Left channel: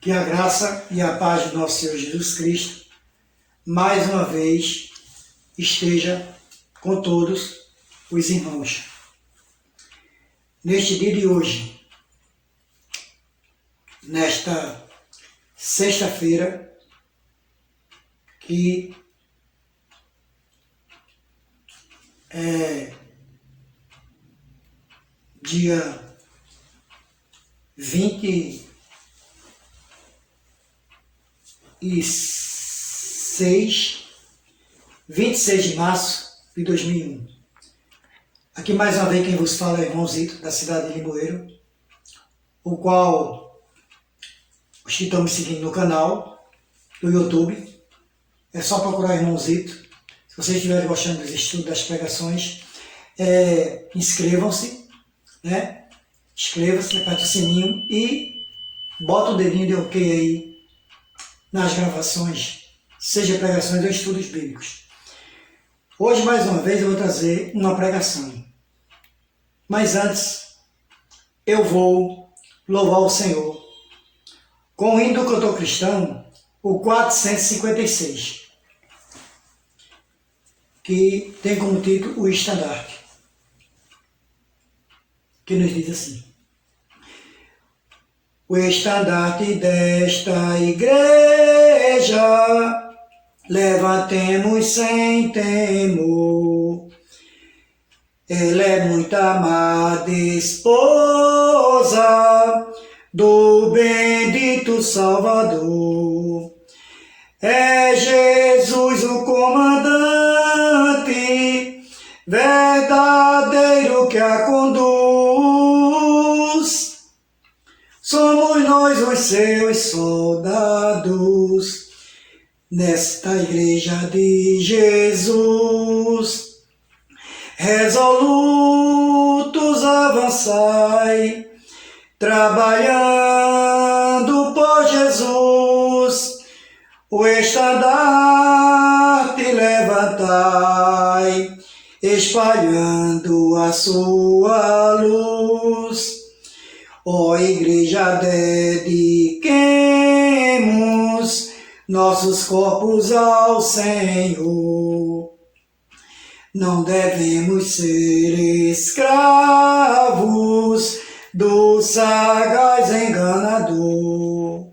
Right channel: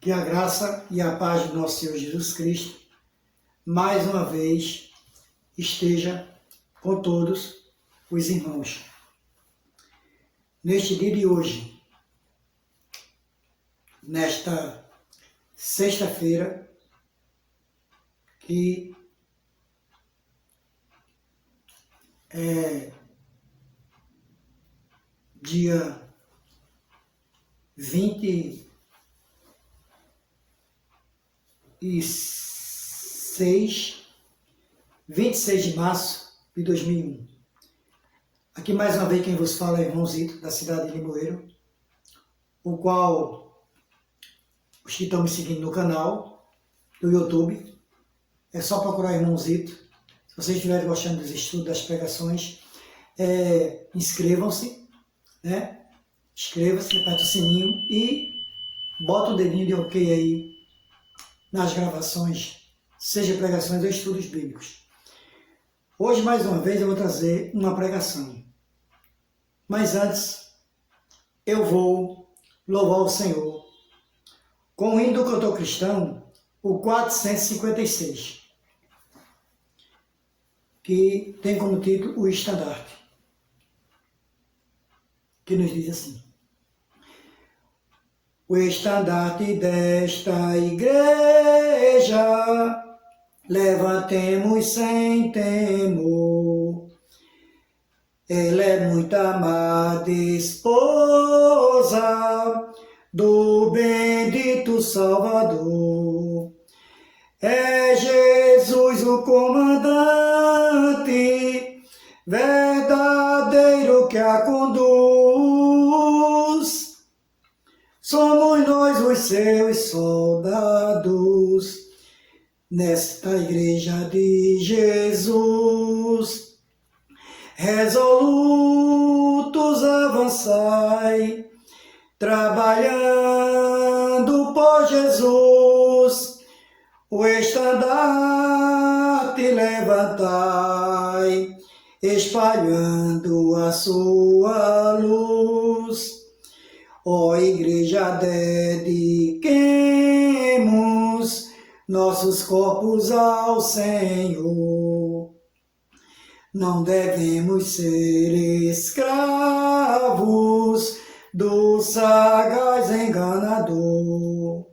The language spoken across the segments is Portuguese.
Que a graça e a paz do nosso Senhor Jesus Cristo, mais uma vez, esteja com todos os irmãos. Neste dia de hoje, nesta sexta-feira, que é dia 26 de março de 2001. Aqui mais uma vez quem vos fala é o irmão Zito, da cidade de Limoeiro, o qual os que estão me seguindo no canal, no YouTube, é só procurar irmão Zito. Se vocês estiverem gostando dos estudos, das pregações, inscrevam-se, né? Inscreva-se, aperte o sininho e bota o dedinho de OK aí nas gravações, seja pregações ou estudos bíblicos. Hoje, mais uma vez, eu vou trazer uma pregação. Mas antes, eu vou louvar o Senhor com o hino do cantor cristão, o 456, que tem como título o estandarte, que nos diz assim: o estandarte desta igreja levantemos sem temor. Ela é muito amada esposa do bendito Salvador. É Jesus o comandante, verdadeiro que a conduz. Somos nós os seus soldados, nesta igreja de Jesus. Resolutos avançai, trabalhando por Jesus. O estandarte levantai, espalhando a sua luz. Ó igreja, dediquemos nossos corpos ao Senhor. Não devemos ser escravos do sagaz enganador.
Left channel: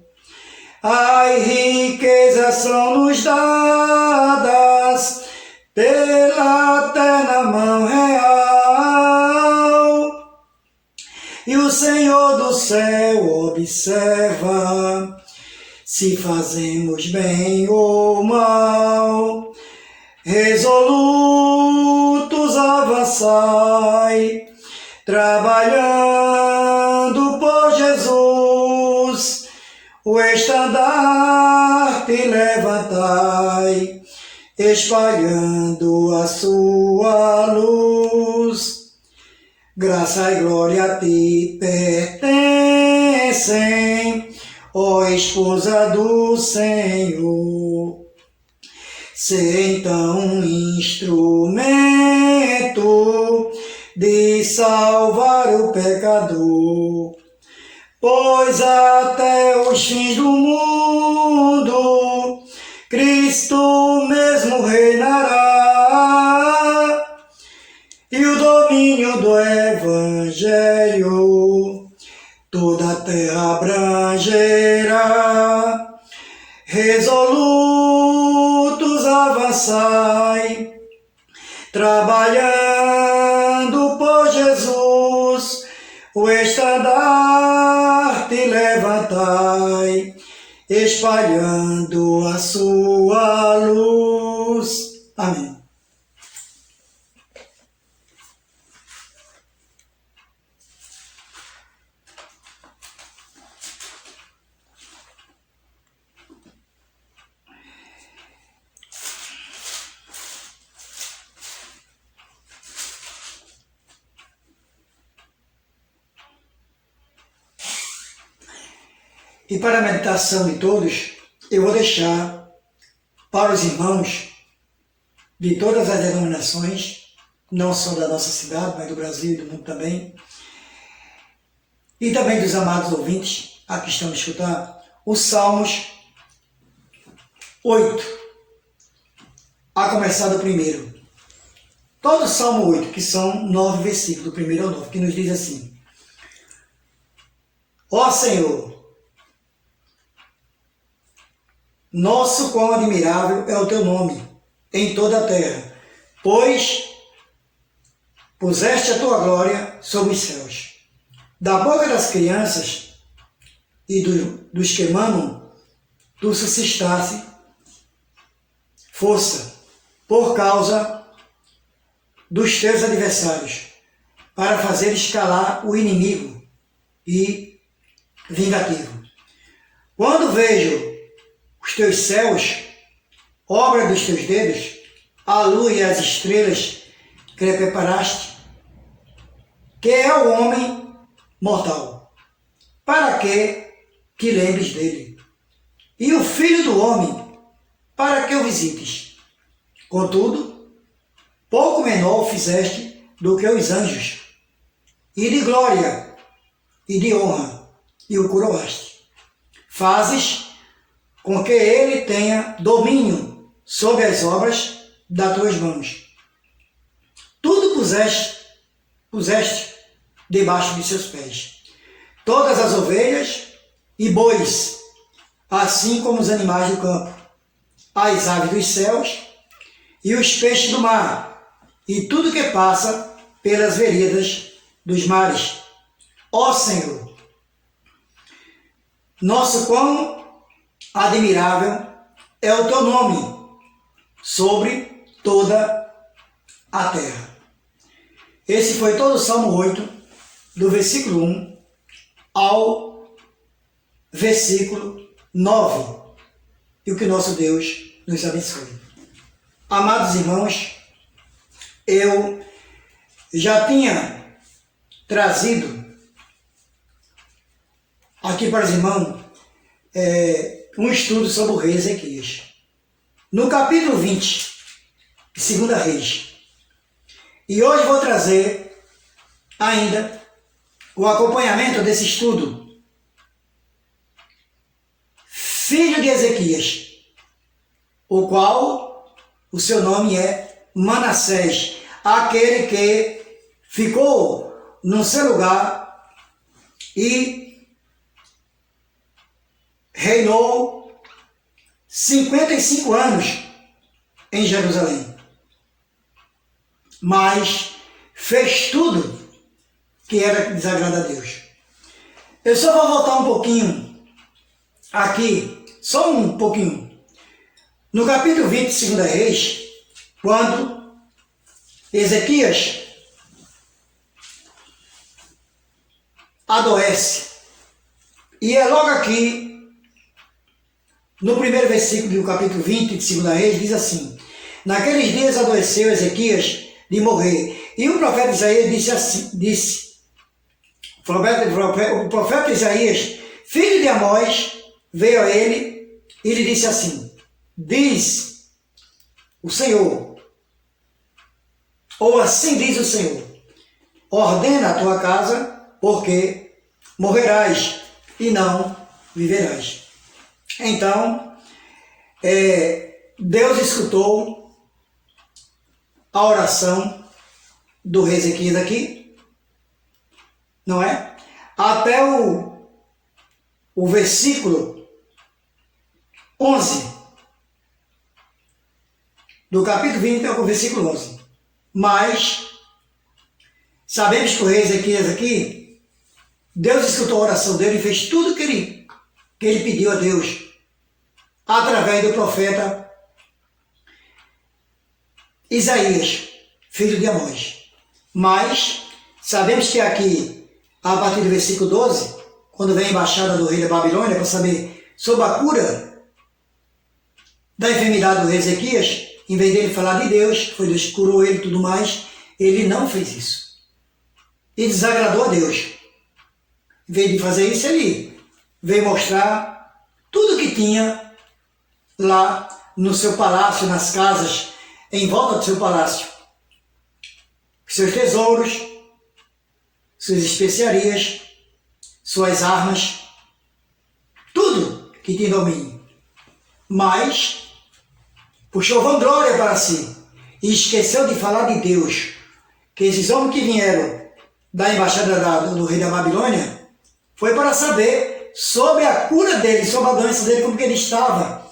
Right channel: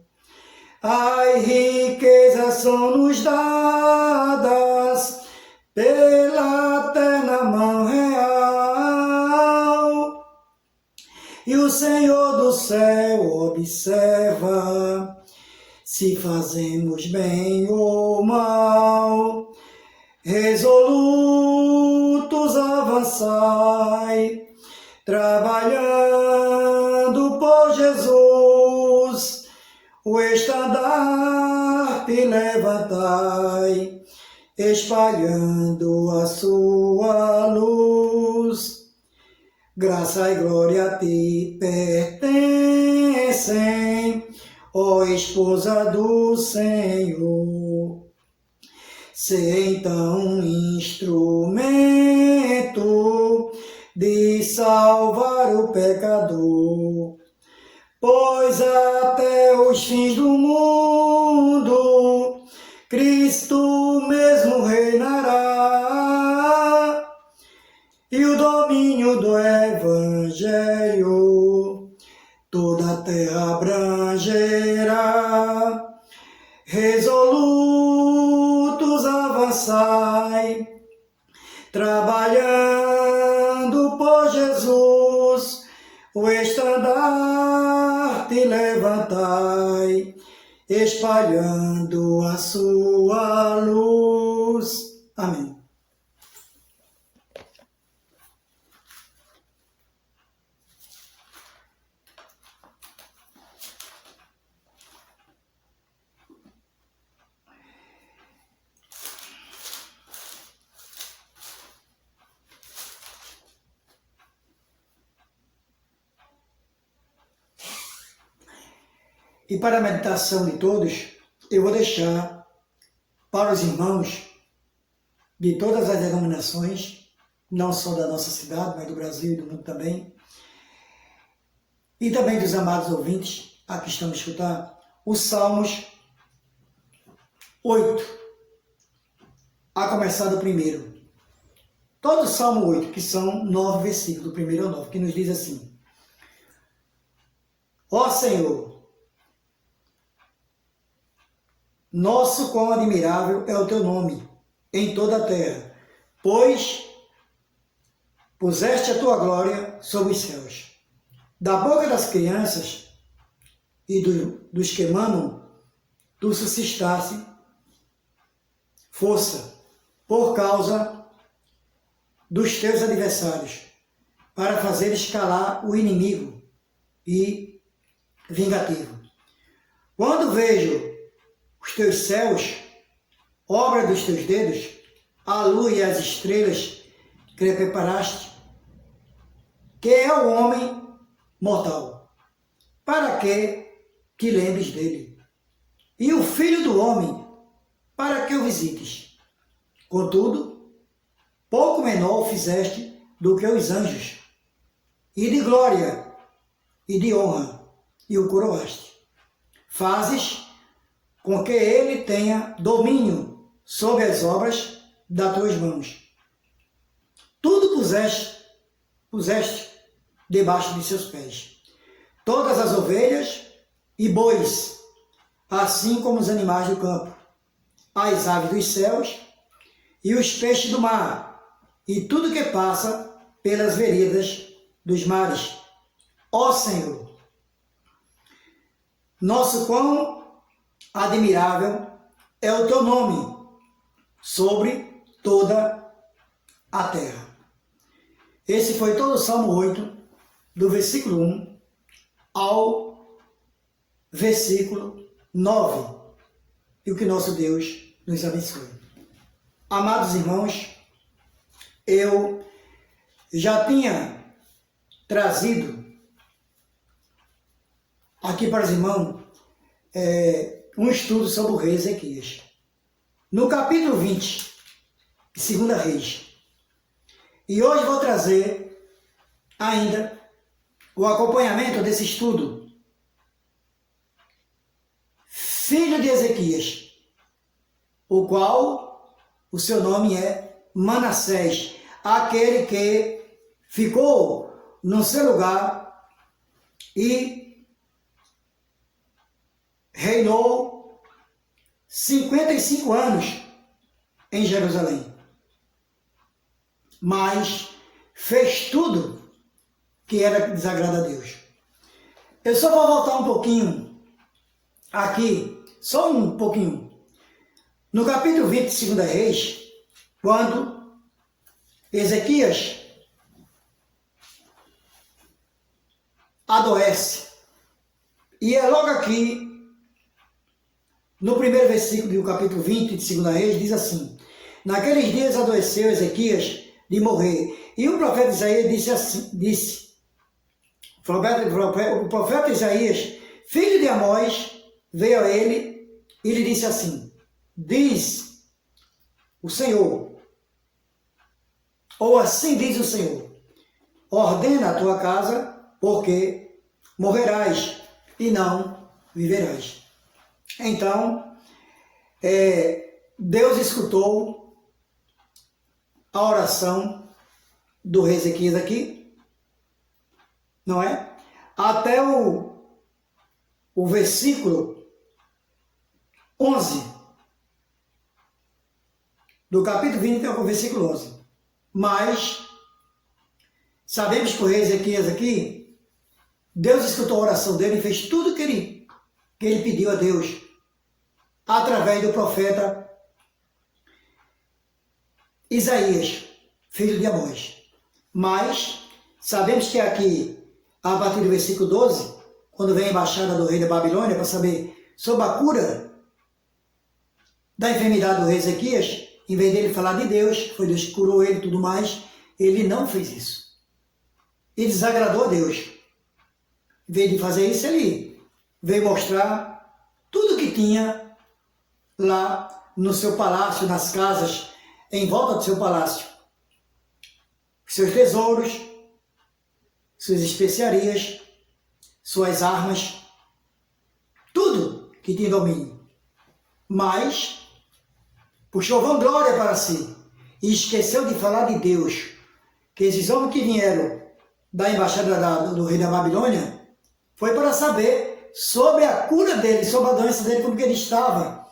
As riquezas são nos dadas pela terna mão real, e o Senhor do céu observa se fazemos bem ou mal. Resolutos avançai, trabalhando por Jesus. O estandarte levantai, espalhando a sua luz. Graça e glória a ti pertencem, ó esposa do Senhor. Sê então um instrumento de salvar o pecador, pois até os fins do mundo Cristo mesmo reinará, e o domínio do Evangelho toda a terra abrangerá. Resolutos avançai, trabalhando por Jesus. O estandarte levantai, espalhando a sua luz. Amém. E para a meditação de todos, eu vou deixar para os irmãos de todas as denominações, não só da nossa cidade, mas do Brasil e do mundo também, e também dos amados ouvintes, a que estão a escutar, os Salmos 8, a começar do primeiro. Todo o Salmo 8, que são 9 versículos, do primeiro ao 9, que nos diz assim: Ó Senhor, nosso quão admirável é o teu nome em toda a terra, pois puseste a tua glória sobre os céus. Da boca das crianças e dos que mamam, tu suscitaste força por causa dos teus adversários, para fazer escalar o inimigo e vingativo. Quando vejo os teus céus, obra dos teus dedos, a lua e as estrelas que preparaste, que é o homem mortal, para que te lembres dele? E o filho do homem, para que o visites? Contudo, pouco menor o fizeste do que os anjos, e de glória e de honra, e o coroaste. Fazes com que ele tenha domínio sobre as obras das tuas mãos. Tudo puseste debaixo de seus pés. Todas as ovelhas e bois, assim como os animais do campo, as aves dos céus e os peixes do mar, e tudo que passa pelas veredas dos mares. Ó Senhor, nosso quão admirável é o teu nome sobre toda a terra. Esse foi todo o Salmo 8, do versículo 1 ao versículo 9. E o que nosso Deus nos abençoe. Amados irmãos, eu já tinha trazido aqui para os irmãos um estudo sobre o rei Ezequias. No capítulo 20, de 2 Reis. E hoje vou trazer ainda o acompanhamento desse estudo. Filho de Ezequias, o qual o seu nome é Manassés, aquele que ficou no seu lugar e reinou 55 anos em Jerusalém. Mas fez tudo que era desagrado a Deus. Eu só vou voltar um pouquinho aqui, só um pouquinho. No capítulo 20 de 2 Reis, quando Ezequias adoece, e é logo aqui, no primeiro versículo do capítulo 20 de 2 Reis, diz assim: Naqueles dias adoeceu Ezequias de morrer, e o profeta Isaías o profeta Isaías, filho de Amós, veio a ele e lhe disse assim: Diz o Senhor, ou assim diz o Senhor, ordena a tua casa, porque morrerás e não viverás. Então, Deus escutou a oração do rei Ezequias aqui, não é? Até o versículo 11 do capítulo 20 ao versículo 11. Mas sabemos que o rei Ezequias aqui, Deus escutou a oração dele e fez tudo que ele pediu a Deus através do profeta Isaías, filho de Amós. Mas sabemos que aqui, a partir do versículo 12, quando vem a embaixada do rei da Babilônia para saber sobre a cura da enfermidade do rei Ezequias, em vez dele falar de Deus, foi Deus que curou ele e tudo mais, ele não fez isso. E desagradou a Deus. Em vez de fazer isso, ele veio mostrar tudo que tinha lá no seu palácio, nas casas, em volta do seu palácio. Seus tesouros, suas especiarias, suas armas, tudo que tinha domínio, mas puxou vanglória para si e esqueceu de falar de Deus, que esses homens que vieram da embaixada do rei da Babilônia foi para saber sobre a cura dele, sobre a doença dele, como que ele estava,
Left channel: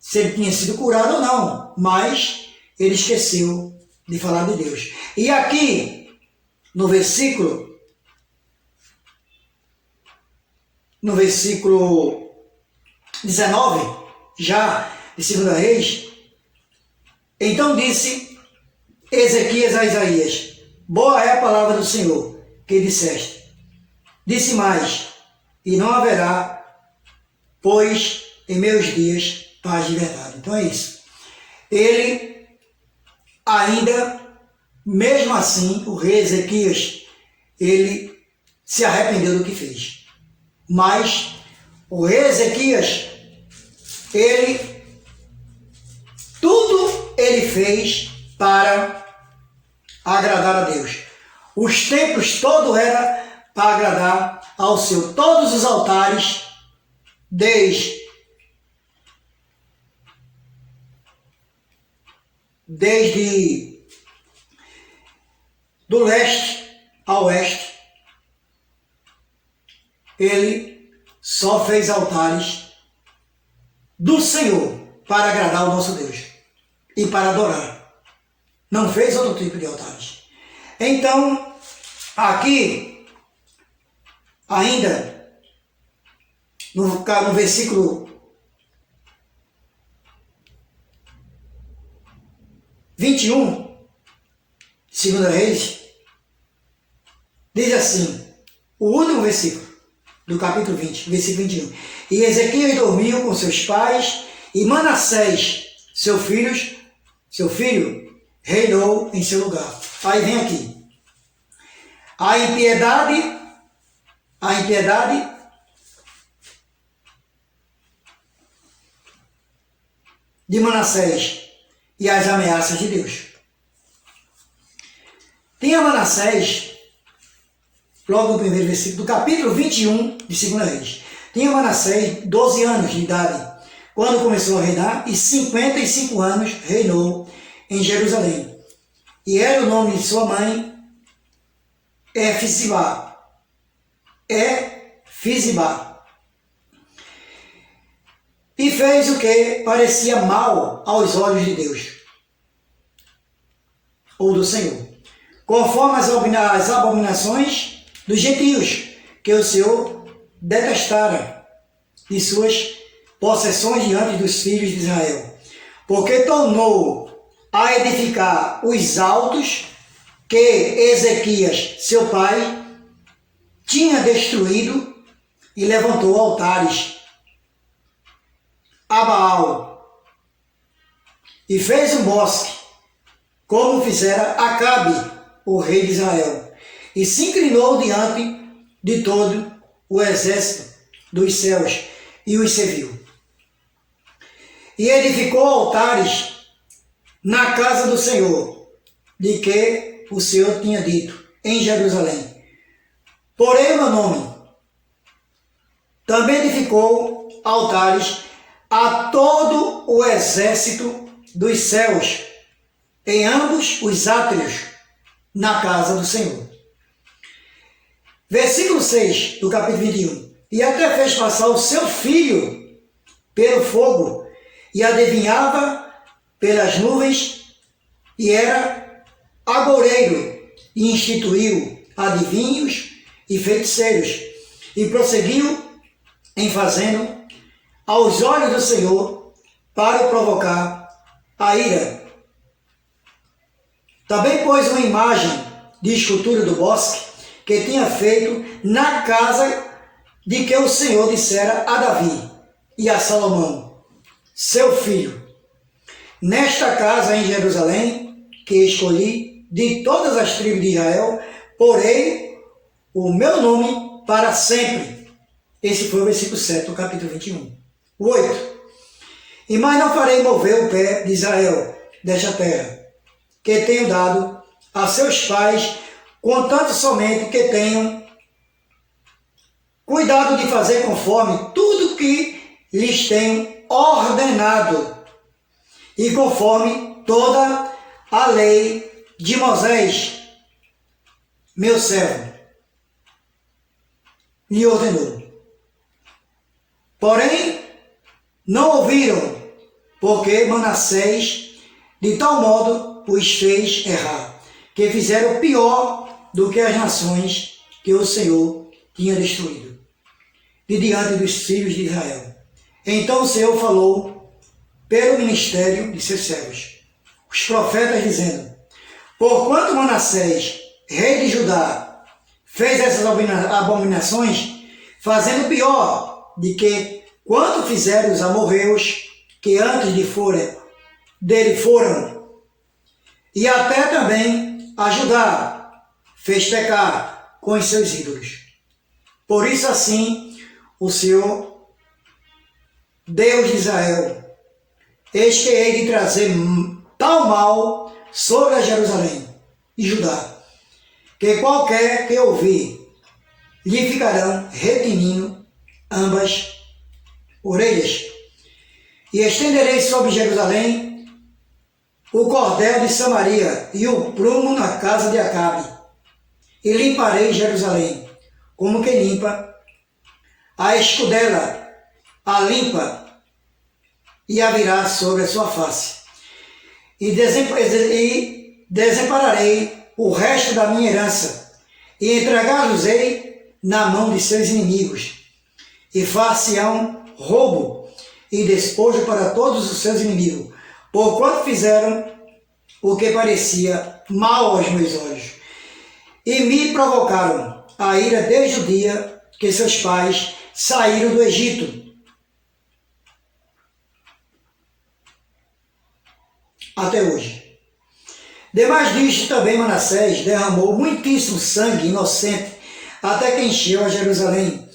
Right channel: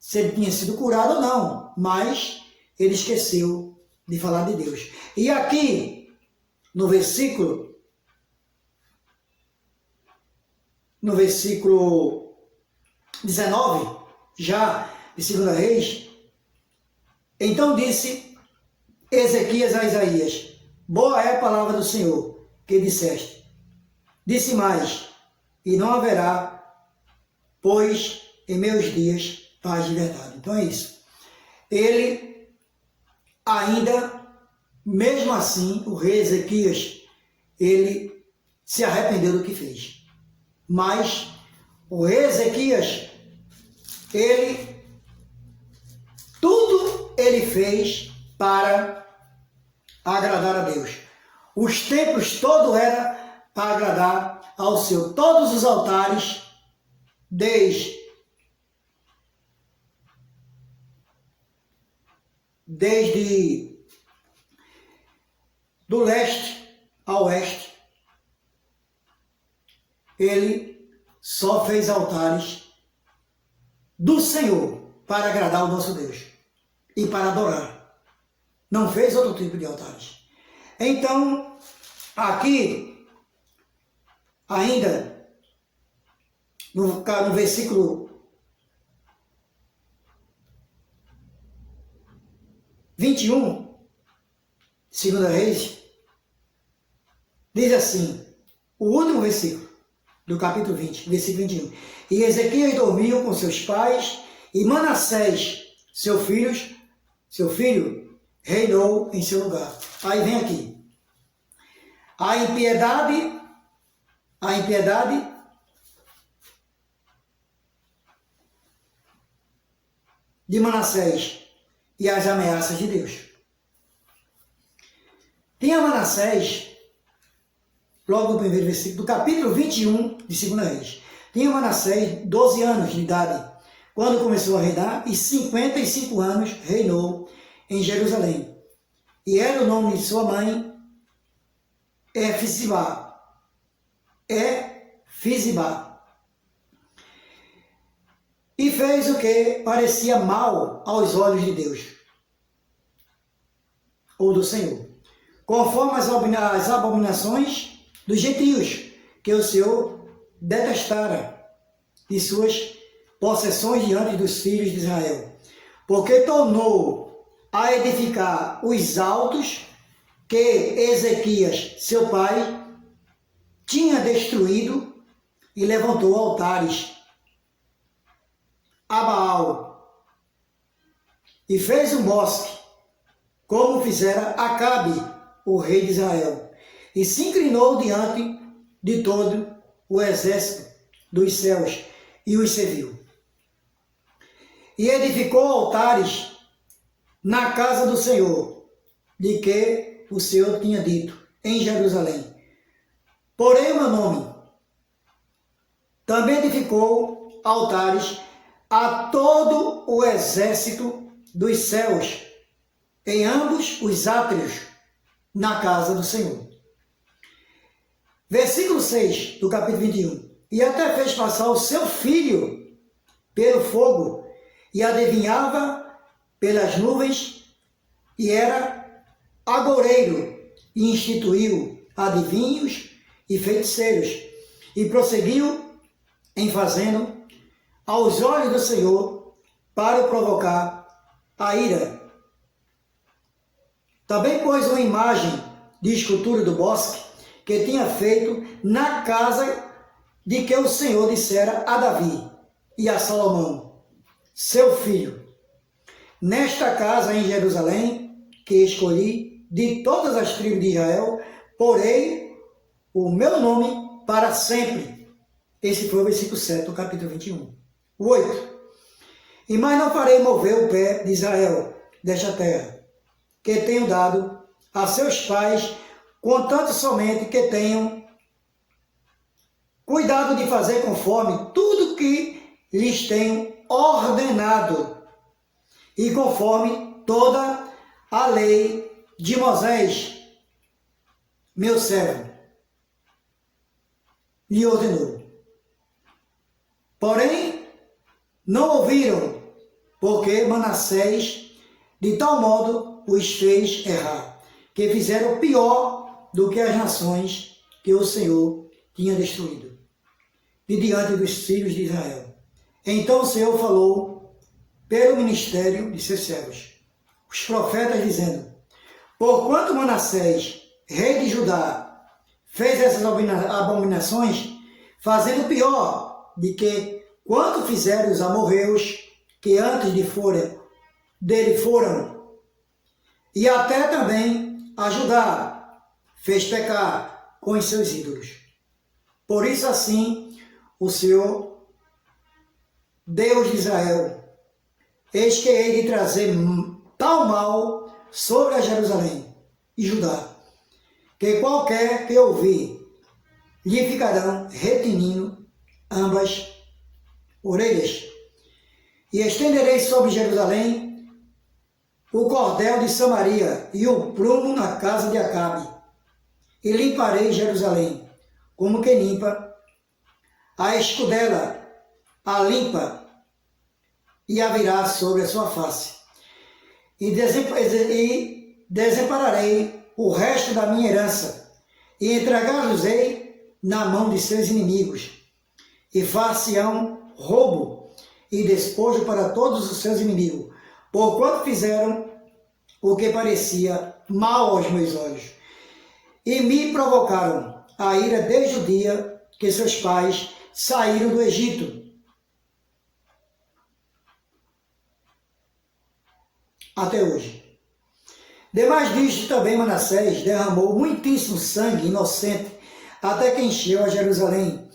se ele tinha sido curado ou não, mas ele esqueceu de falar de Deus. E aqui, no versículo 19, já de 2 Reis, então disse Ezequias a Isaías: boa é a palavra do Senhor que disseste. Disse mais: e não haverá, pois em meus dias paz de verdade. Então é isso. Ele ainda, mesmo assim, o rei Ezequias, ele se arrependeu do que fez. Mas o rei Ezequias, tudo ele fez para agradar a Deus. Os templos todos eram para agradar ao Senhor. Todos os altares, desde do leste ao oeste, ele só fez altares do Senhor para agradar ao nosso Deus e para adorar. Não fez outro tipo de altares. Então, aqui, ainda, no versículo 21, 2 Reis, diz assim, o último versículo do capítulo 20, versículo 21. E Ezequias dormiu com seus pais, e Manassés, seu filho, reinou em seu lugar. Aí vem aqui. A impiedade de Manassés e as ameaças de Deus. Tinha Manassés, logo no primeiro versículo do capítulo 21 de 2 Reis. Tinha Manassés 12 anos de idade quando começou a reinar, e 55 anos reinou em Jerusalém. E era o nome de sua mãe Efizibá. E fez o que parecia mal aos olhos de Deus, ou do Senhor, conforme as abominações dos gentios, que o Senhor detestara de suas possessões diante dos filhos de Israel, porque tornou a edificar os altos que Ezequias, seu pai, tinha destruído, e levantou altares a Baal, e fez um bosque, como fizera Acabe, o rei de Israel, e se inclinou diante de todo o exército dos céus, e os serviu. E edificou altares na casa do Senhor, de que o Senhor tinha dito, em Jerusalém: porém o meu nome. Também edificou altares a todo o exército dos céus, em ambos os átrios, na casa do Senhor. Versículo 6 do capítulo 21. E até fez passar o seu filho pelo fogo, e adivinhava pelas nuvens, e era agoureiro, e instituiu adivinhos e feiticeiros, e prosseguiu em fazendo aos olhos do Senhor para o provocar a ira. Também pôs uma imagem de escultura do bosque que tinha feito na casa de que o Senhor dissera a Davi e a Salomão, seu filho: nesta casa em Jerusalém, que escolhi de todas as tribos de Israel, porei o meu nome para sempre. Esse foi o versículo 7 do capítulo 21. 8. E mais não farei mover o pé de Israel desta terra, que tenho dado a seus pais, contanto somente que tenham cuidado de fazer conforme tudo que lhes tenho ordenado, e conforme toda a lei de Moisés, meu servo, lhe ordenou. Porém, não ouviram, porque Manassés de tal modo os fez errar, que fizeram pior do que as nações que o Senhor tinha destruído, de diante dos filhos de Israel. Então o Senhor falou pelo ministério de seus servos, os profetas, dizendo: porquanto Manassés, rei de Judá, fez essas abominações, fazendo pior de que quanto fizeram os amorreus que antes dele foram, e até também a Judá fez pecar com os seus ídolos. Por isso assim o Senhor, Deus de Israel, eis que hei de trazer tal mal sobre a Jerusalém e Judá, que qualquer que ouvir lhe ficarão retinindo ambas orelhas. E estenderei sobre Jerusalém o cordel de Samaria e o prumo na casa de Acabe, e limparei Jerusalém, como que limpa a escudela, a limpa e a virá sobre a sua face. E desampararei o resto da minha herança, e entregá-los-ei na mão de seus inimigos, e far-se-ão roubo e despojo para todos os seus inimigos, porquanto fizeram o que parecia mal aos meus olhos, e me provocaram a ira desde o dia que seus pais saíram do Egito até hoje. Demais disto também Manassés derramou muitíssimo sangue inocente, até que encheu a Jerusalém,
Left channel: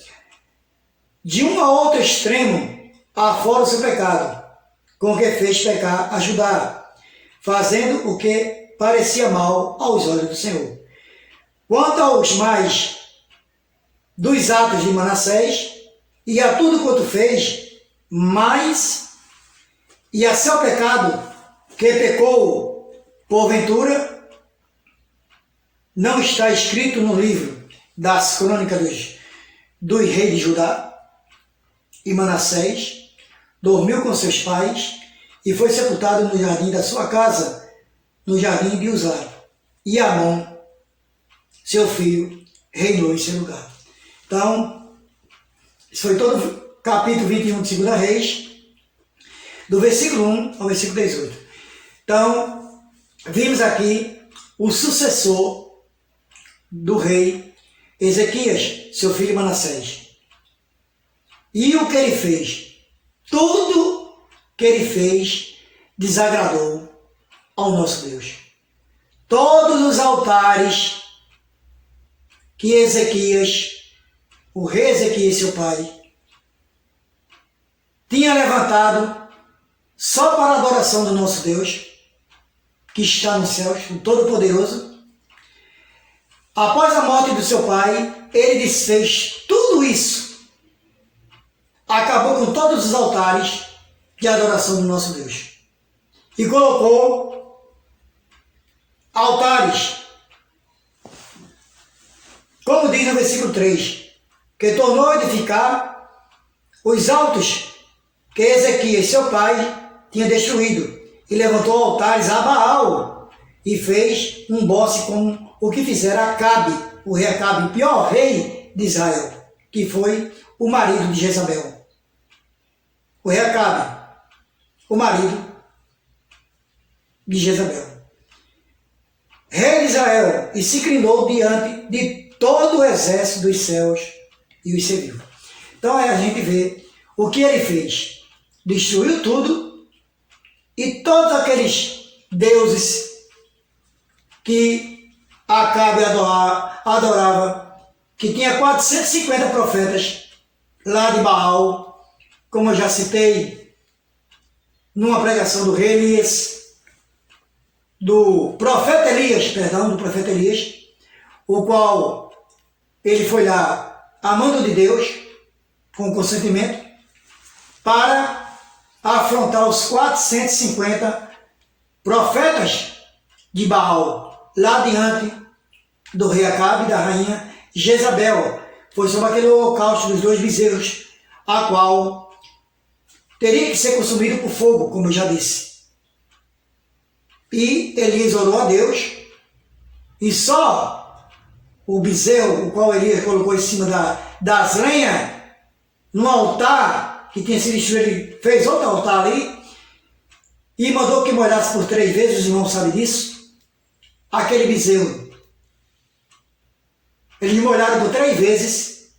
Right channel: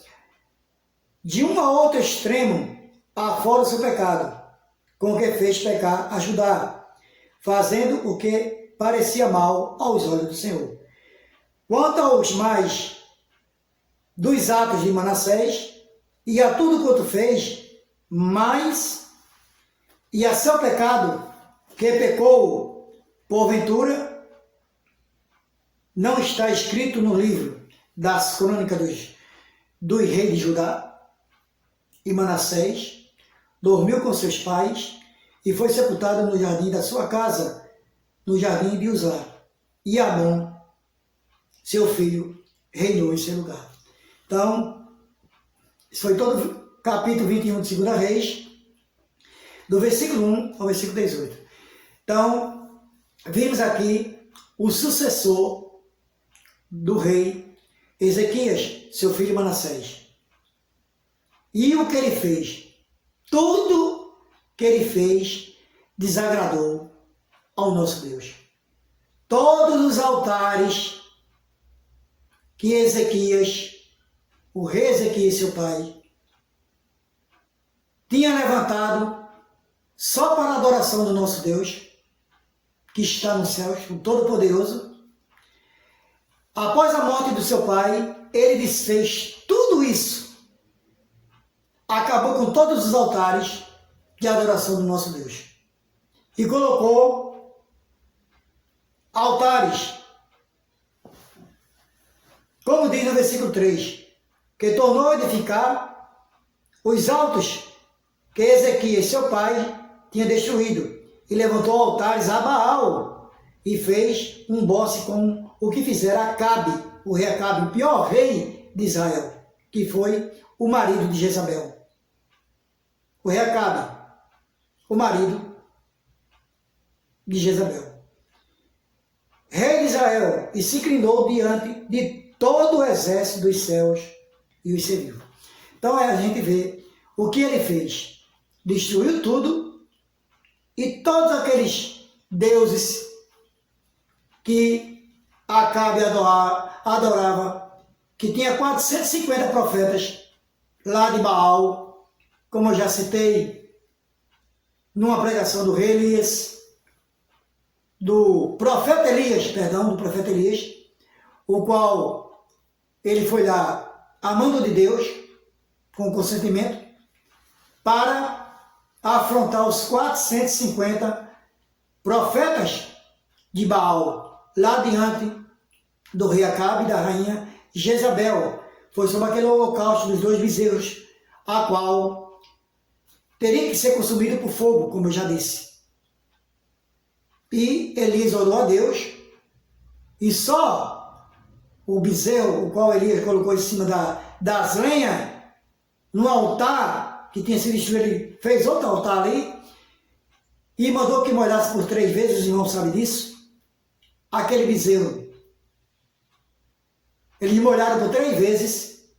de um a outro extremo, afora o seu pecado, com que fez pecar a Judá, fazendo o que parecia mal aos olhos do Senhor. Quanto aos mais dos atos de Manassés, e a tudo quanto fez, mais, e a seu pecado, que pecou, porventura, não está escrito no livro das crônicas dos reis de Judá? E Manassés dormiu com seus pais e foi sepultado no jardim da sua casa, no jardim de Uzá. E Amon, seu filho, reinou em seu lugar. Então, isso foi todo o capítulo 21 de 2 Reis, do versículo 1 ao versículo 18. Então, vimos aqui o sucessor do rei Ezequias, seu filho Manassés. E o que ele fez? Tudo que ele fez desagradou ao nosso Deus. Todos os altares que Ezequias, o rei Ezequias, seu pai, tinha levantado só para a adoração do nosso Deus, que está nos céus, o Todo-Poderoso, após a morte do seu pai, ele desfez tudo isso. Acabou com todos os altares de adoração do nosso Deus. E colocou altares, como diz no versículo 3, que tornou a edificar os altos que Ezequias, seu pai, tinha destruído, e levantou altares a Baal, e fez um boce como o que fizera Acabe, o rei Acabe, o pior rei de Israel, que foi o marido de Jezabel. O rei Acabe, o marido de Jezabel. Rei de Israel, e se inclinou diante de todo o exército dos céus e os serviu. Então aí a gente vê o que ele fez. Destruiu tudo, e todos aqueles deuses que Acabe adorava, que tinha 450 profetas lá de Baal, como eu já citei numa pregação do rei Elias, do profeta Elias, o qual ele foi lá a mando de Deus, com consentimento, para afrontar os 450 profetas de Baal, lá diante do rei Acabe e da rainha Jezabel. Foi sobre aquele holocausto dos 2 bezerros, a qual teria que ser consumido por fogo, como eu já disse. E Elias orou a Deus, e só o bezerro, o qual Elias colocou em cima das lenhas, no altar que tinha sido destruído, ele fez outro altar ali, e mandou que molhasse por 3 vezes, os irmãos sabem disso, aquele bezerro. Eles molharam por 3 vezes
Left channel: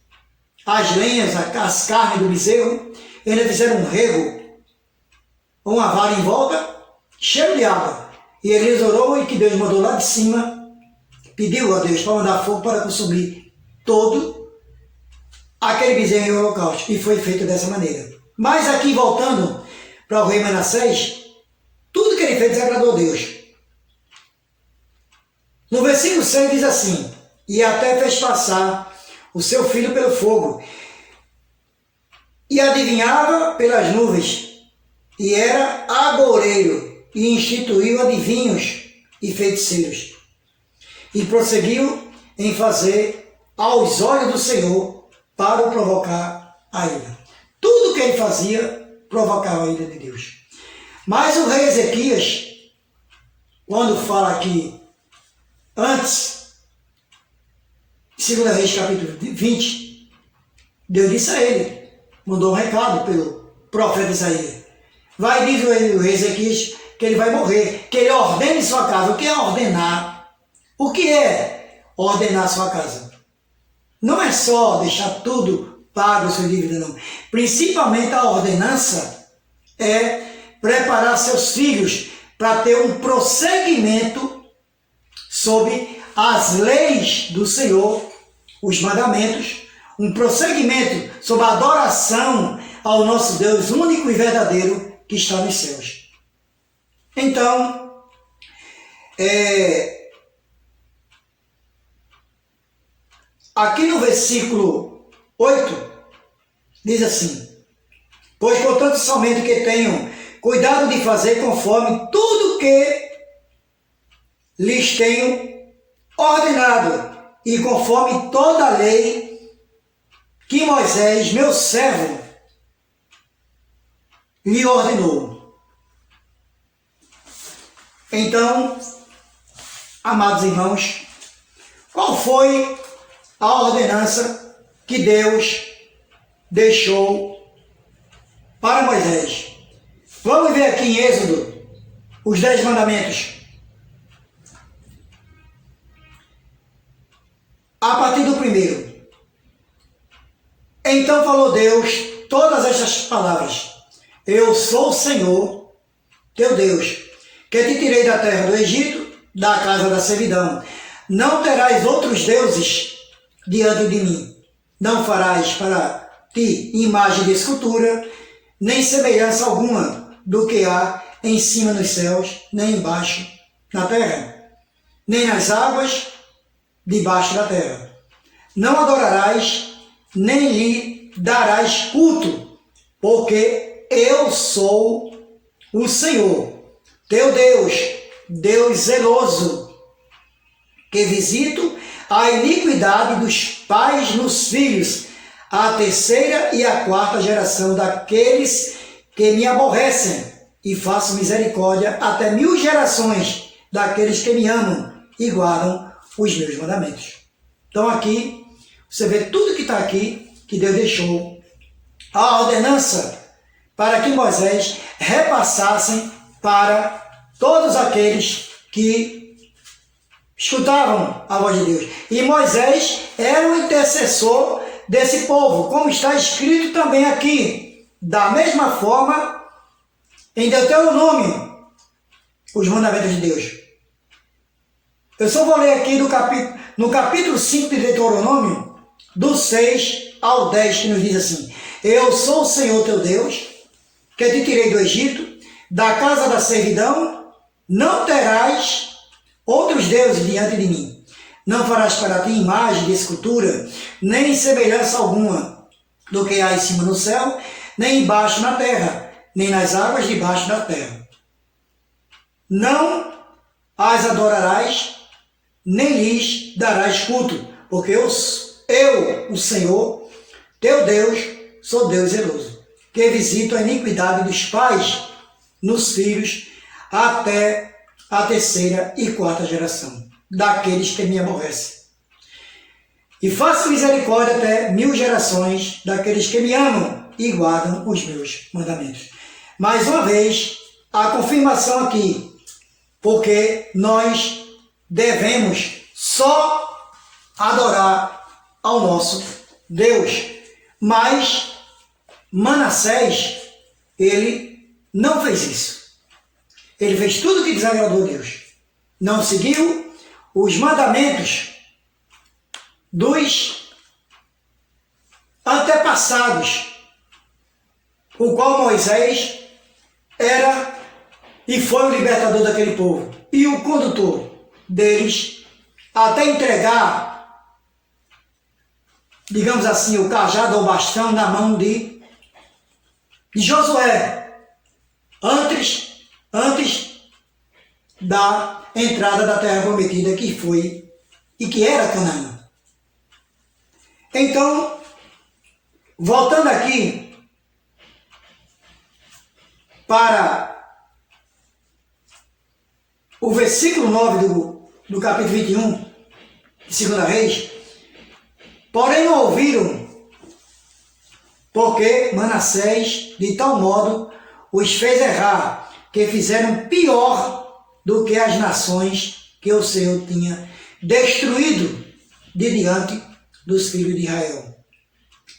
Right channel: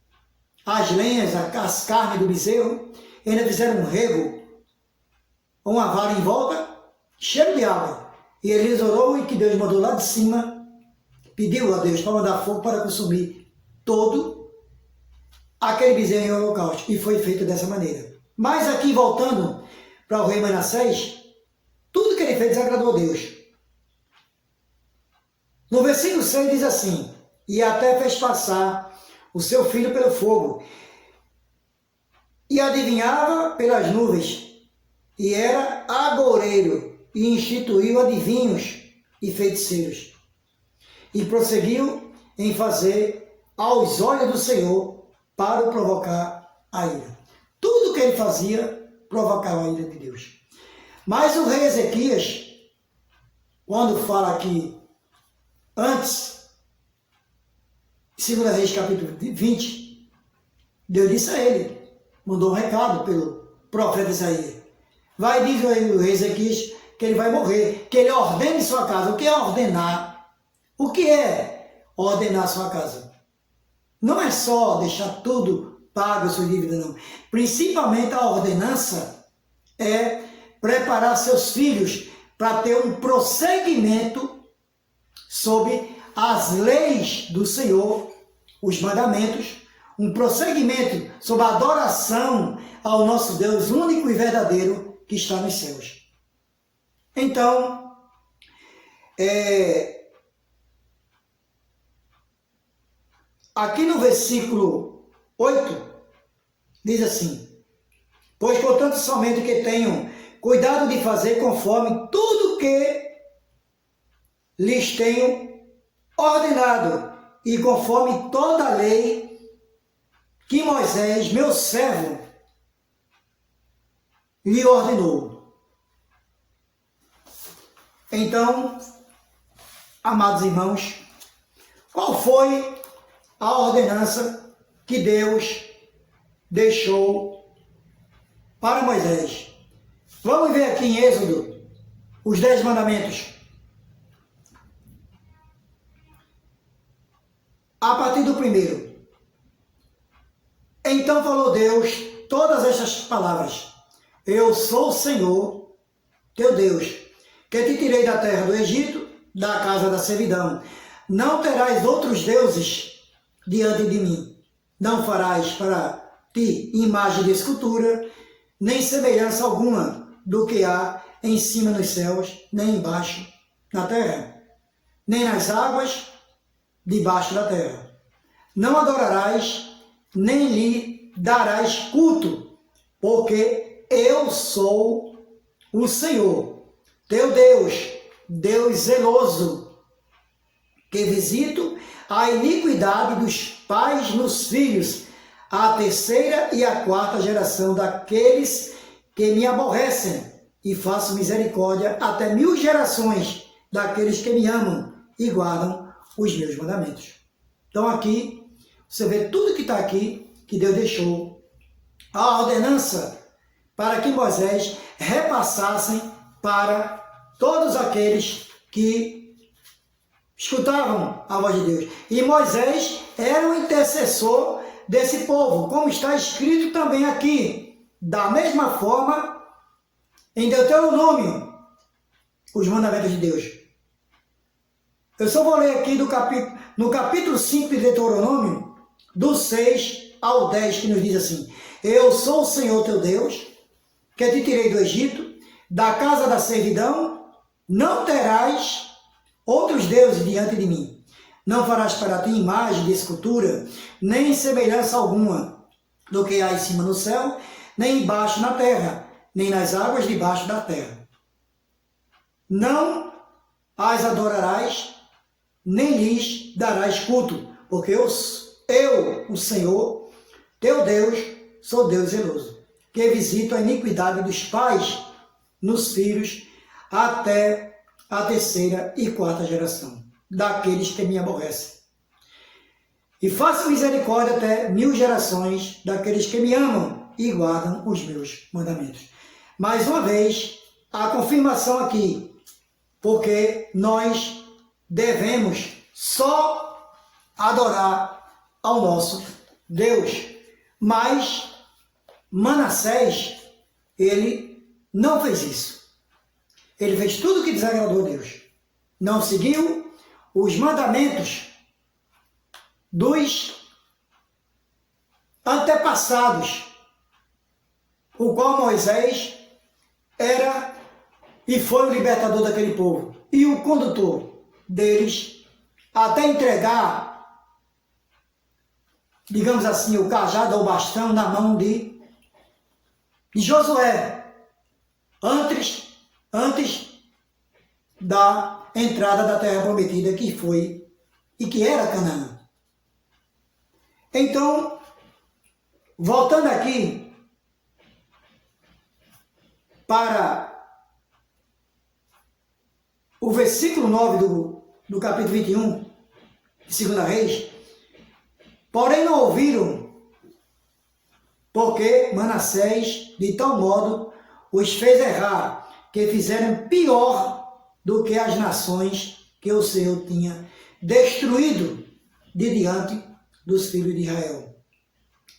as lenhas, as carnes do bezerro, e ainda fizeram um rego, uma vara em volta, cheio de água. E Elias orou e que Deus mandou lá de cima, pediu a Deus para mandar fogo para consumir todo aquele bezerro em holocausto. E foi feito dessa maneira. Mas aqui, voltando para o rei Manassés, tudo que ele fez desagradou a Deus. No versículo 6 diz assim: e até fez passar o seu filho pelo fogo, e adivinhava pelas nuvens, e era agoureiro, e instituiu adivinhos e feiticeiros, e prosseguiu em fazer aos olhos do Senhor para o provocar a ira. Tudo que ele fazia provocava a ira de Deus. Mas o rei Ezequias, quando fala aqui, antes, 2 Reis capítulo 20, Deus disse a ele, mandou um recado pelo profeta Isaías. Vai, diz o rei Ezequias, que ele vai morrer, que ele ordene sua casa. O que é ordenar? O que é ordenar sua casa? Não é só deixar tudo pago, sua dívida, não. Principalmente a ordenança é preparar seus filhos para ter um prosseguimento sobre as leis do Senhor, os mandamentos, um prosseguimento sobre a adoração ao nosso Deus único e verdadeiro que está nos céus. Então, aqui no versículo 8, diz assim: pois contanto somente que tenham cuidado de fazer conforme tudo que lhes tenho ordenado, e conforme toda a lei que Moisés, meu servo, lhe ordenou. Então, amados irmãos, qual foi a ordenança que Deus deixou para Moisés? Vamos ver aqui em Êxodo os 10 mandamentos. A partir do 1º. Então falou Deus todas estas palavras: eu sou o Senhor, teu Deus, que te tirei da terra do Egito, da casa da servidão. Não terás outros deuses diante de mim. Não farás para ti imagem de escultura, nem semelhança alguma do que há em cima nos céus, nem embaixo na terra, nem nas águas debaixo da terra. Não adorarás, nem lhe darás culto, porque eu sou o Senhor, teu Deus, Deus zeloso, que visito a iniquidade dos pais nos filhos, a 3ª e a 4ª geração daqueles que me aborrecem, e faço misericórdia até 1000 gerações daqueles que me amam e guardam os meus mandamentos. Então aqui, você vê tudo que está aqui, que Deus deixou, a ordenança para que Moisés repassassem para todos aqueles que escutavam a voz de Deus. E Moisés era o intercessor desse povo, como está escrito também aqui, da mesma forma, em Deuteronômio, os mandamentos de Deus. Eu só vou ler aqui no capítulo 5 de Deuteronômio, do 6 ao 10, que nos diz assim: eu sou o Senhor teu Deus, que te tirei do Egito, da casa da servidão. Não terás outros deuses diante de mim. Não farás para ti imagem de escultura, nem semelhança alguma do que há em cima no céu, nem embaixo na terra, nem nas águas debaixo da terra. Não as adorarás, nem lhes darás culto, porque eu, o Senhor, teu Deus, sou Deus zeloso, que visito a iniquidade dos pais nos filhos até a terceira e quarta geração, daqueles que me aborrecem. E faço misericórdia até 1000 gerações daqueles que me amam e guardam os meus mandamentos. Mais uma vez, a confirmação aqui, porque nós devemos só adorar ao nosso Deus. Mas Manassés, ele não fez isso. Ele fez tudo que desagradou a Deus. Não seguiu os mandamentos dos antepassados, o qual Moisés era e foi o libertador daquele povo e o condutor deles até entregar, digamos assim, o cajado ou bastão na mão de Josué, antes da entrada da terra prometida, que foi e que era Canaã. Então, voltando aqui para o versículo 9 do capítulo 21 de 2 Reis, porém não ouviram, porque Manassés de tal modo os fez errar, que fizeram pior do que as nações que o Senhor tinha destruído de diante dos filhos de Israel.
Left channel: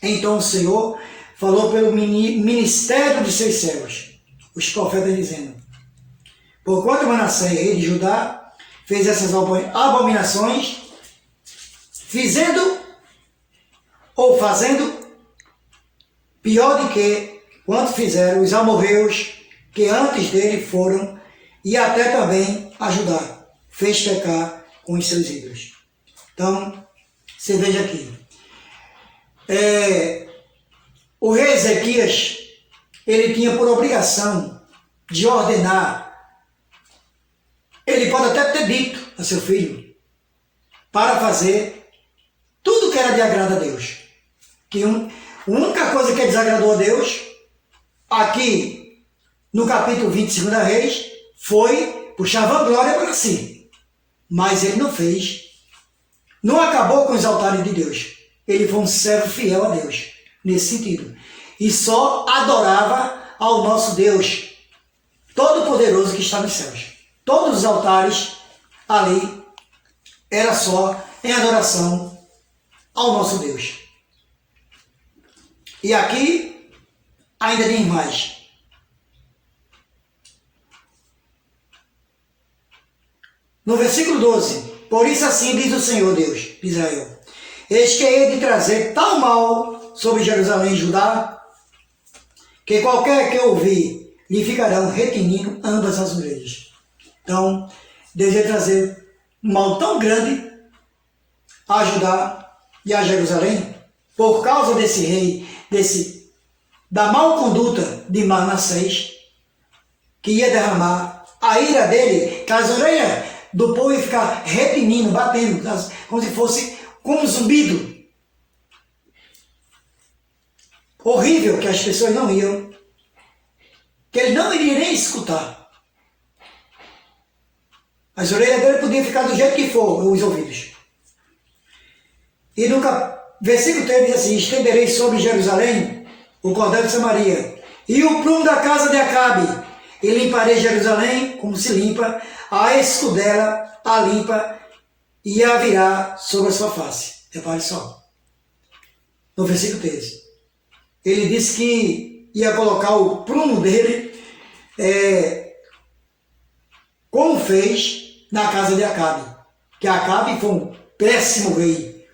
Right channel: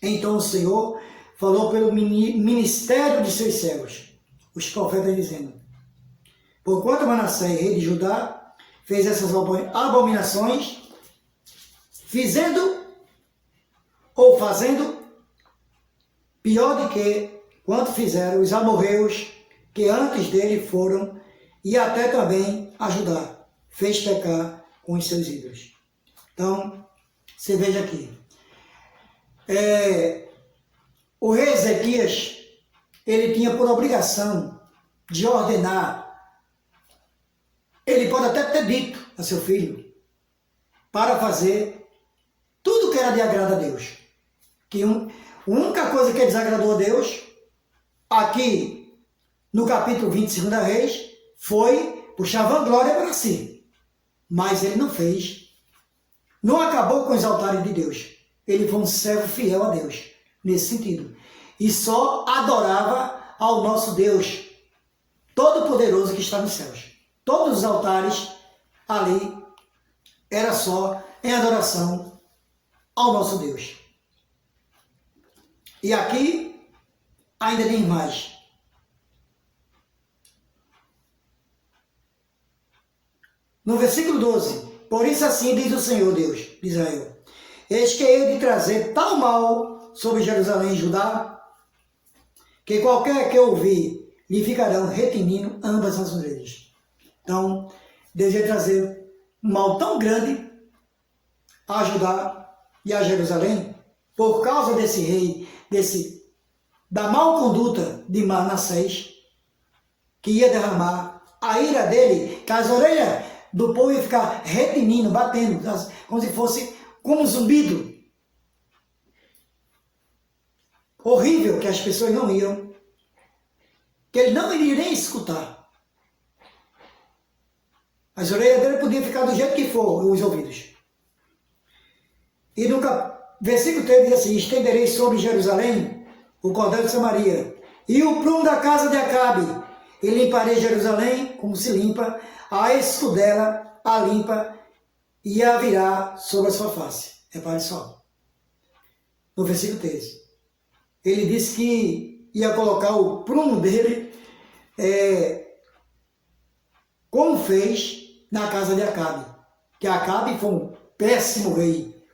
Então o Senhor falou pelo ministério de seus servos, os profetas, dizendo: porquanto Manassés, rei de Judá, fez essas abominações, fazendo pior do que quanto fizeram os amorreus que antes dele foram, e até também a Judá fez pecar com os seus ídolos. Então, você veja aqui, o rei Ezequias, ele tinha por obrigação de ordenar. Ele pode até ter dito a seu filho para fazer tudo que era de agrado a Deus. Que a única coisa que desagradou a Deus, aqui no capítulo 20 de 2 Reis, foi puxar vanglória para si. Mas ele não fez. Não acabou com os altares de Deus. Ele foi um servo fiel a Deus, nesse sentido. E só adorava ao nosso Deus Todo-Poderoso que está nos céus. Todos os altares ali era só em adoração ao nosso Deus. E aqui ainda tem mais. No versículo 12: por isso assim diz o Senhor Deus de Israel: eis que hei de trazer tal mal sobre Jerusalém e Judá, que qualquer que ouvir lhe ficarão retinindo ambas as orelhas. Então, Deus ia trazer um mal tão grande a Judá e a Jerusalém, por causa desse rei, da mal conduta de Manassés, que ia derramar a ira dele, que as orelhas do povo iam ficar retinindo, batendo, como se fosse como um zumbido horrível, que as pessoas não iam, que ele não iria nem escutar. As orelhas dele podiam ficar do jeito que for, os ouvidos. E no versículo 3 diz assim: estenderei sobre Jerusalém o cordel de Samaria e o prumo da casa de Acabe, e limparei Jerusalém como se limpa a escudela, a limpa, e a virá sobre a sua face. Repare só. No versículo 13. Ele disse que ia colocar o prumo dele, como fez na casa de Acabe. Que Acabe foi um péssimo rei,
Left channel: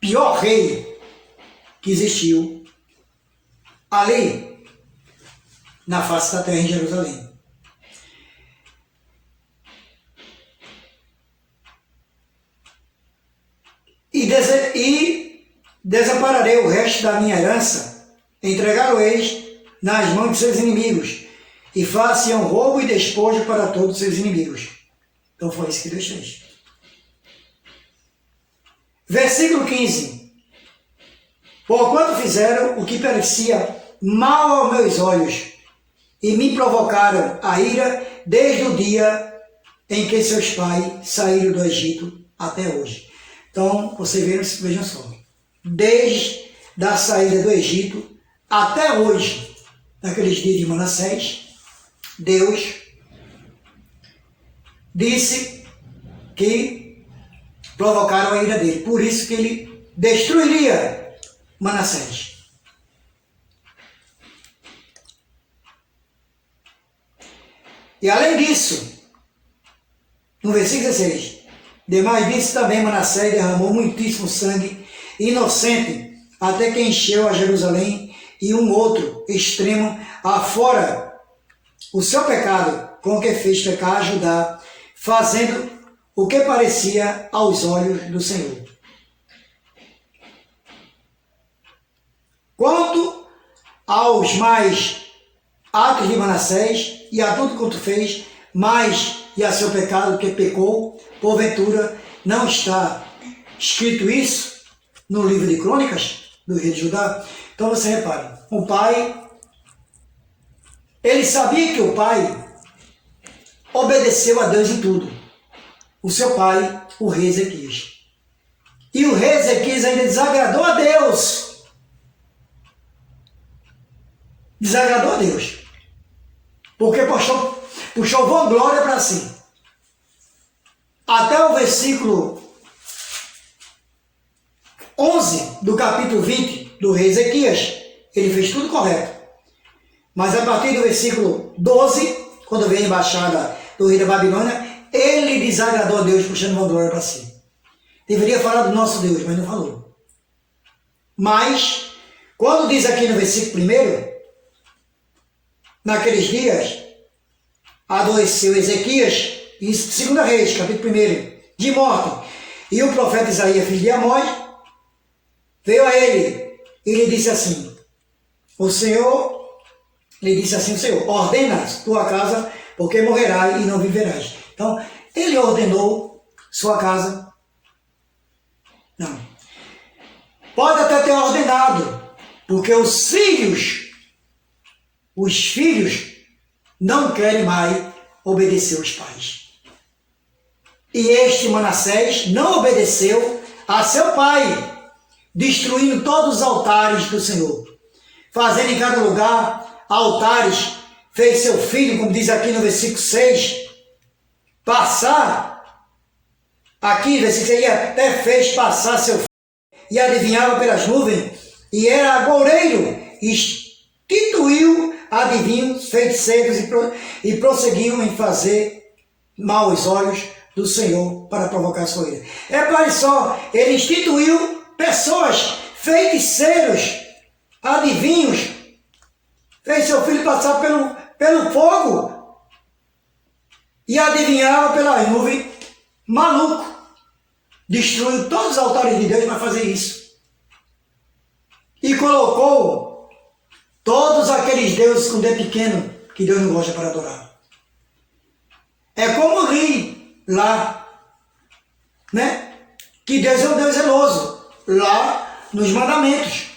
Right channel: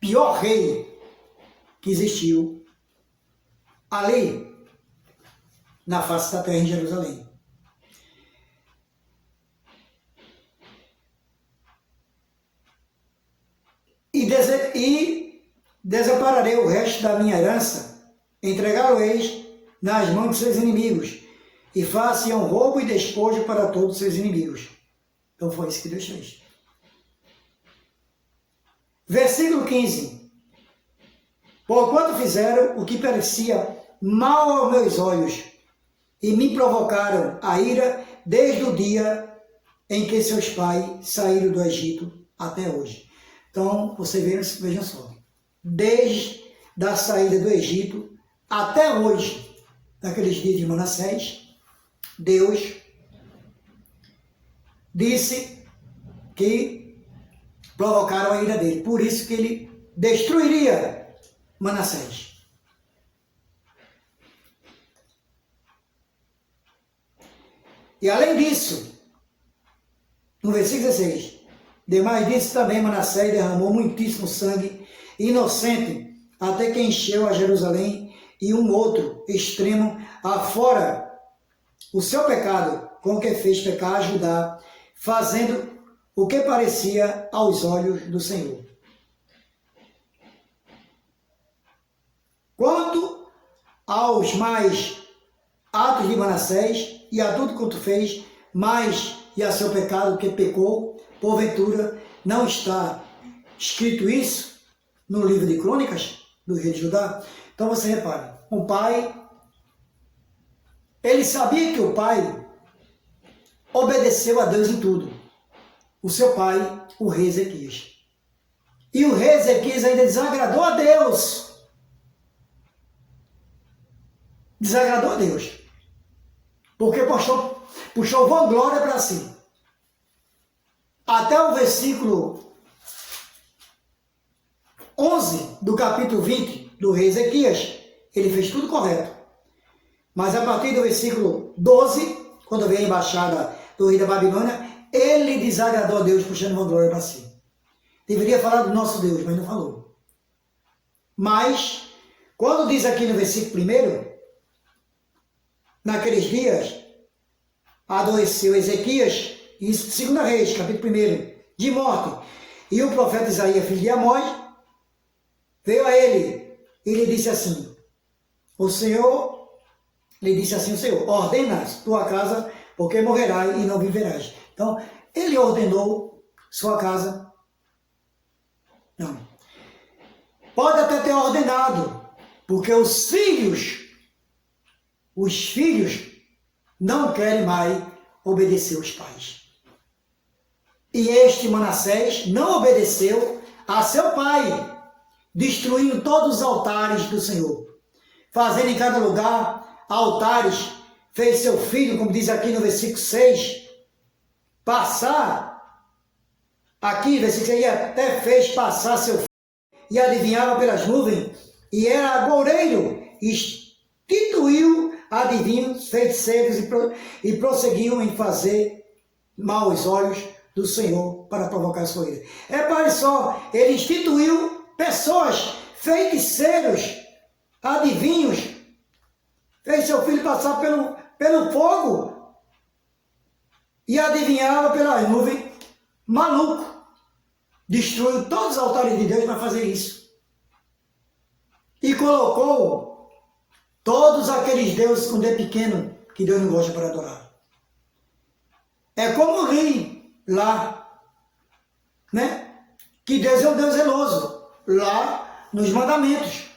pior rei que existiu ali na face da terra em Jerusalém. E desampararei o resto da minha herança entregá-lo-eis nas mãos de seus inimigos, e façam roubo e despojo para todos os seus inimigos. Então foi isso que Deus fez. Versículo 15. Porquanto fizeram o que parecia mal aos meus olhos, e me provocaram a ira desde o dia em que seus pais saíram do Egito até hoje. Então, vejam só, desde a saída do Egito até hoje, naqueles dias de Manassés, Deus disse que provocaram a ira dele. Por isso que ele destruiria Manassés. E além disso, no versículo 16, demais disso também Manassés derramou muitíssimo sangue inocente, até que encheu a Jerusalém e um outro extremo afora o seu pecado, com o que fez pecar a Judá, fazendo o que parecia aos olhos do Senhor. Quanto aos mais atos de Manassés e a tudo quanto fez, mais e a seu pecado que pecou, porventura não está escrito isso no livro de Crônicas do rei de Judá? Então você repare, o pai, ele sabia que o pai obedeceu a Deus em tudo. O seu pai, o rei Ezequias. E o rei Ezequias ainda desagradou a Deus. Desagradou a Deus. Porque puxou vanglória para si. Até o versículo 11 do capítulo 20 do rei Ezequias, ele fez tudo correto. Mas a partir do versículo 12, quando veio a embaixada do rei da Babilônia, ele desagradou a Deus, puxando vanglória para si. Deveria falar do nosso Deus, mas não falou. Mas, quando diz aqui no versículo 1, naqueles dias, adoeceu Ezequias, em 2 Reis, capítulo 1, de morte. E o profeta Isaías, filho de Amós, veio a ele e lhe disse assim, o Senhor, ordena tua casa, porque morrerás e não viverás. Então, ele ordenou sua casa. Não. Pode até ter ordenado, porque os filhos não querem mais obedecer os pais. E este Manassés não obedeceu a seu pai, destruindo todos os altares do Senhor, fazendo em cada lugar altares, fez seu filho, como diz aqui no versículo 6, passar, aqui no versículo 6, até fez passar seu filho, e adivinhava pelas nuvens, e era agoureiro, instituiu adivinhos, feiticeiros, e prosseguiu em fazer mal aos olhos do Senhor para provocar sua ira. Repare só, ele instituiu pessoas, feiticeiros, adivinhos, fez seu filho passar pelo fogo e adivinhava pelas nuvens, maluco. Destruiu todos os altares de Deus para fazer isso. E colocou todos aqueles deuses com D pequeno que Deus não gosta para adorar. É como ri lá, né? Que Deus é um Deus zeloso. Lá nos mandamentos.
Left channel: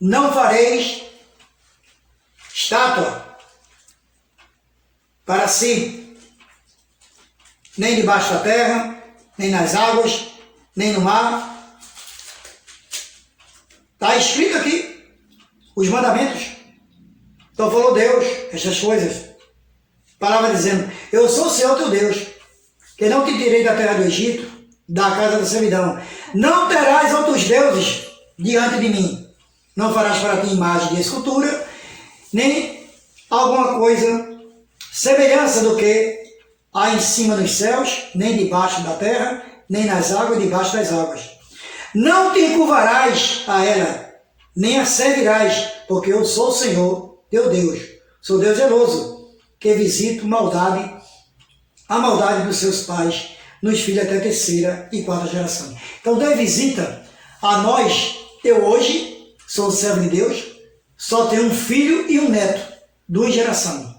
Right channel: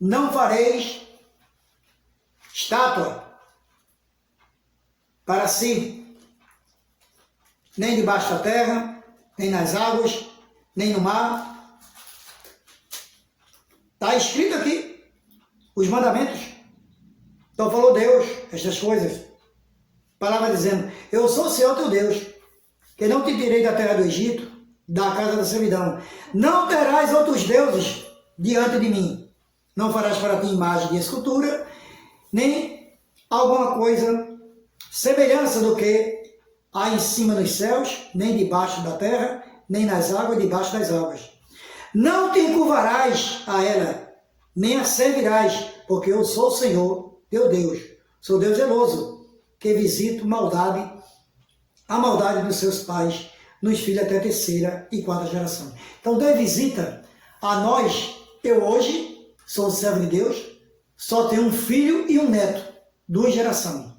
Não fareis estátua para si, nem debaixo da terra, nem nas águas, nem no mar. Está escrito aqui os mandamentos. Então falou Deus estas coisas. Palavra dizendo, eu sou o Senhor teu Deus, que não te tirei da terra do Egito, da casa da servidão. Não terás outros deuses diante de mim. Não farás para ti imagem de escultura, nem alguma coisa semelhança do que há em cima dos céus, nem debaixo da terra, nem nas águas, debaixo das águas. Não te encurvarás a ela, nem a servirás, porque eu sou o Senhor, teu Deus. Sou Deus zeloso, que visito a maldade dos seus pais, nos filhos até a 3ª e 4ª geração. Então Deus visita a nós, eu hoje, sou servo de Deus, só tenho um filho e um neto, 2 gerações.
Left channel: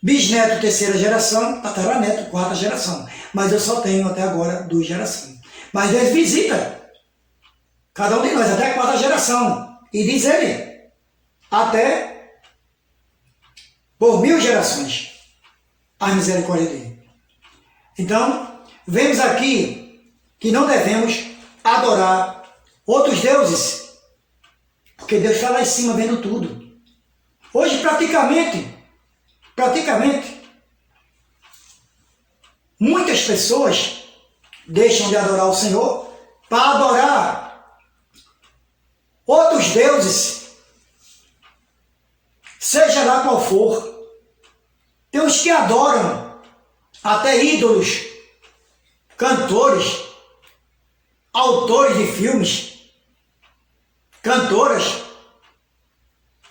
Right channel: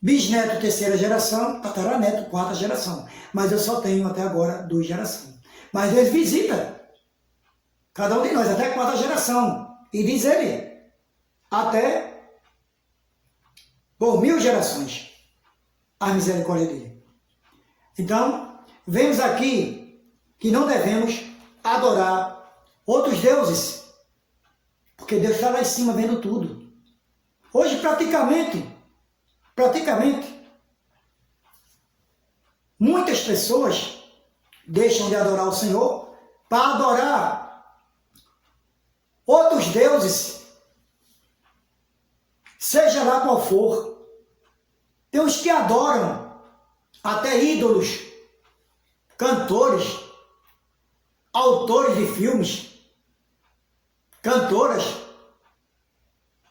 Bisneto, 3ª geração, tataraneto, 4ª geração. Mas eu só tenho até agora 2 gerações. Mas Deus visita cada um de nós até a 4ª geração. E diz ele, até por 1000 gerações, a misericórdia dele. Então, vemos aqui que não devemos adorar outros deuses, porque Deus está lá em cima vendo tudo. Hoje, praticamente, muitas pessoas deixam de adorar o Senhor para adorar outros deuses, seja lá qual for. Tem os que adoram até ídolos, cantores, autores de filmes, cantoras.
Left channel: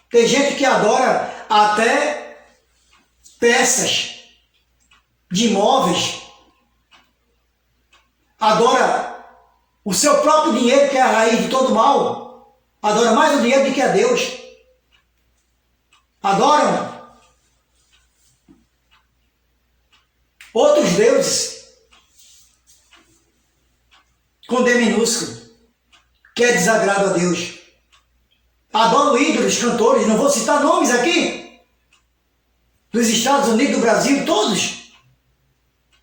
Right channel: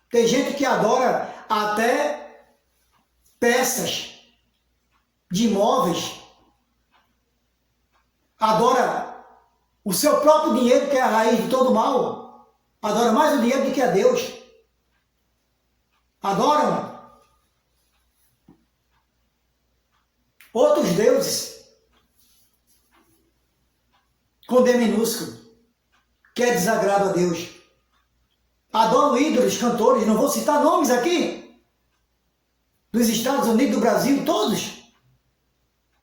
Tem gente que adora até peças de móveis, adora o seu próprio dinheiro, que é a raiz de todo mal, adora mais o dinheiro do que a Deus, adoram outros deuses com D minúsculo, que é desagrado a Deus, adoram ídolos, cantores, não vou citar nomes aqui, dos Estados Unidos, do Brasil, todos.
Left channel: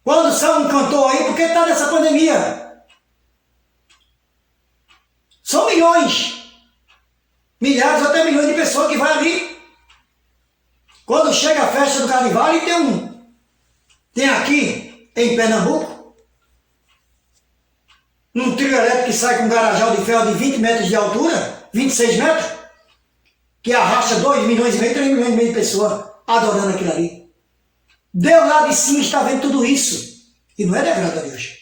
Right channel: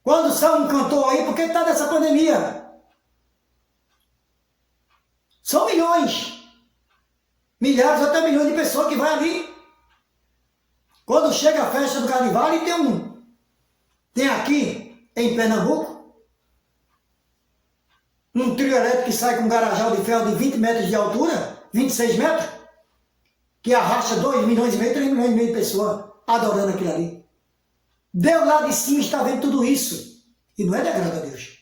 Quando são um cantor aí, porque está nessa pandemia? São milhões, milhares, até milhões de pessoas que vão ali. Quando chega a festa do carnaval, e tem aqui em Pernambuco, um trio elétrico que sai com um garajal de ferro de 20 metros de altura, 26 metros, que arrasta 2,5 milhões, 3,5 milhões de pessoas adorando aquilo ali. Deus lá de cima está vendo tudo isso. E não é de agrado a Deus.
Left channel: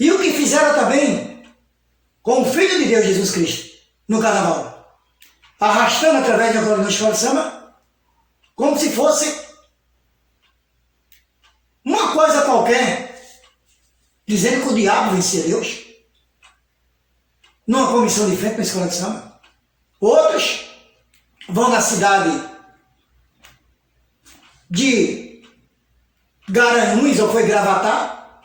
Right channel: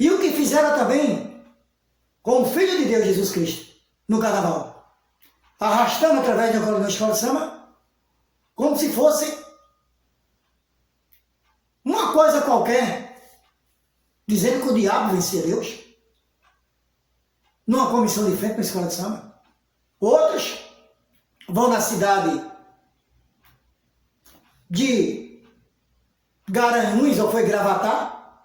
E o que fizeram também com o Filho de Deus, Jesus Cristo, no carnaval. Arrastando através da coluna de escola de samba, como se fosse uma coisa qualquer, dizendo que o diabo vencia Deus. Numa comissão de frente na escola de samba. Outros vão na cidade de Garanhuns, ou foi Gravatá,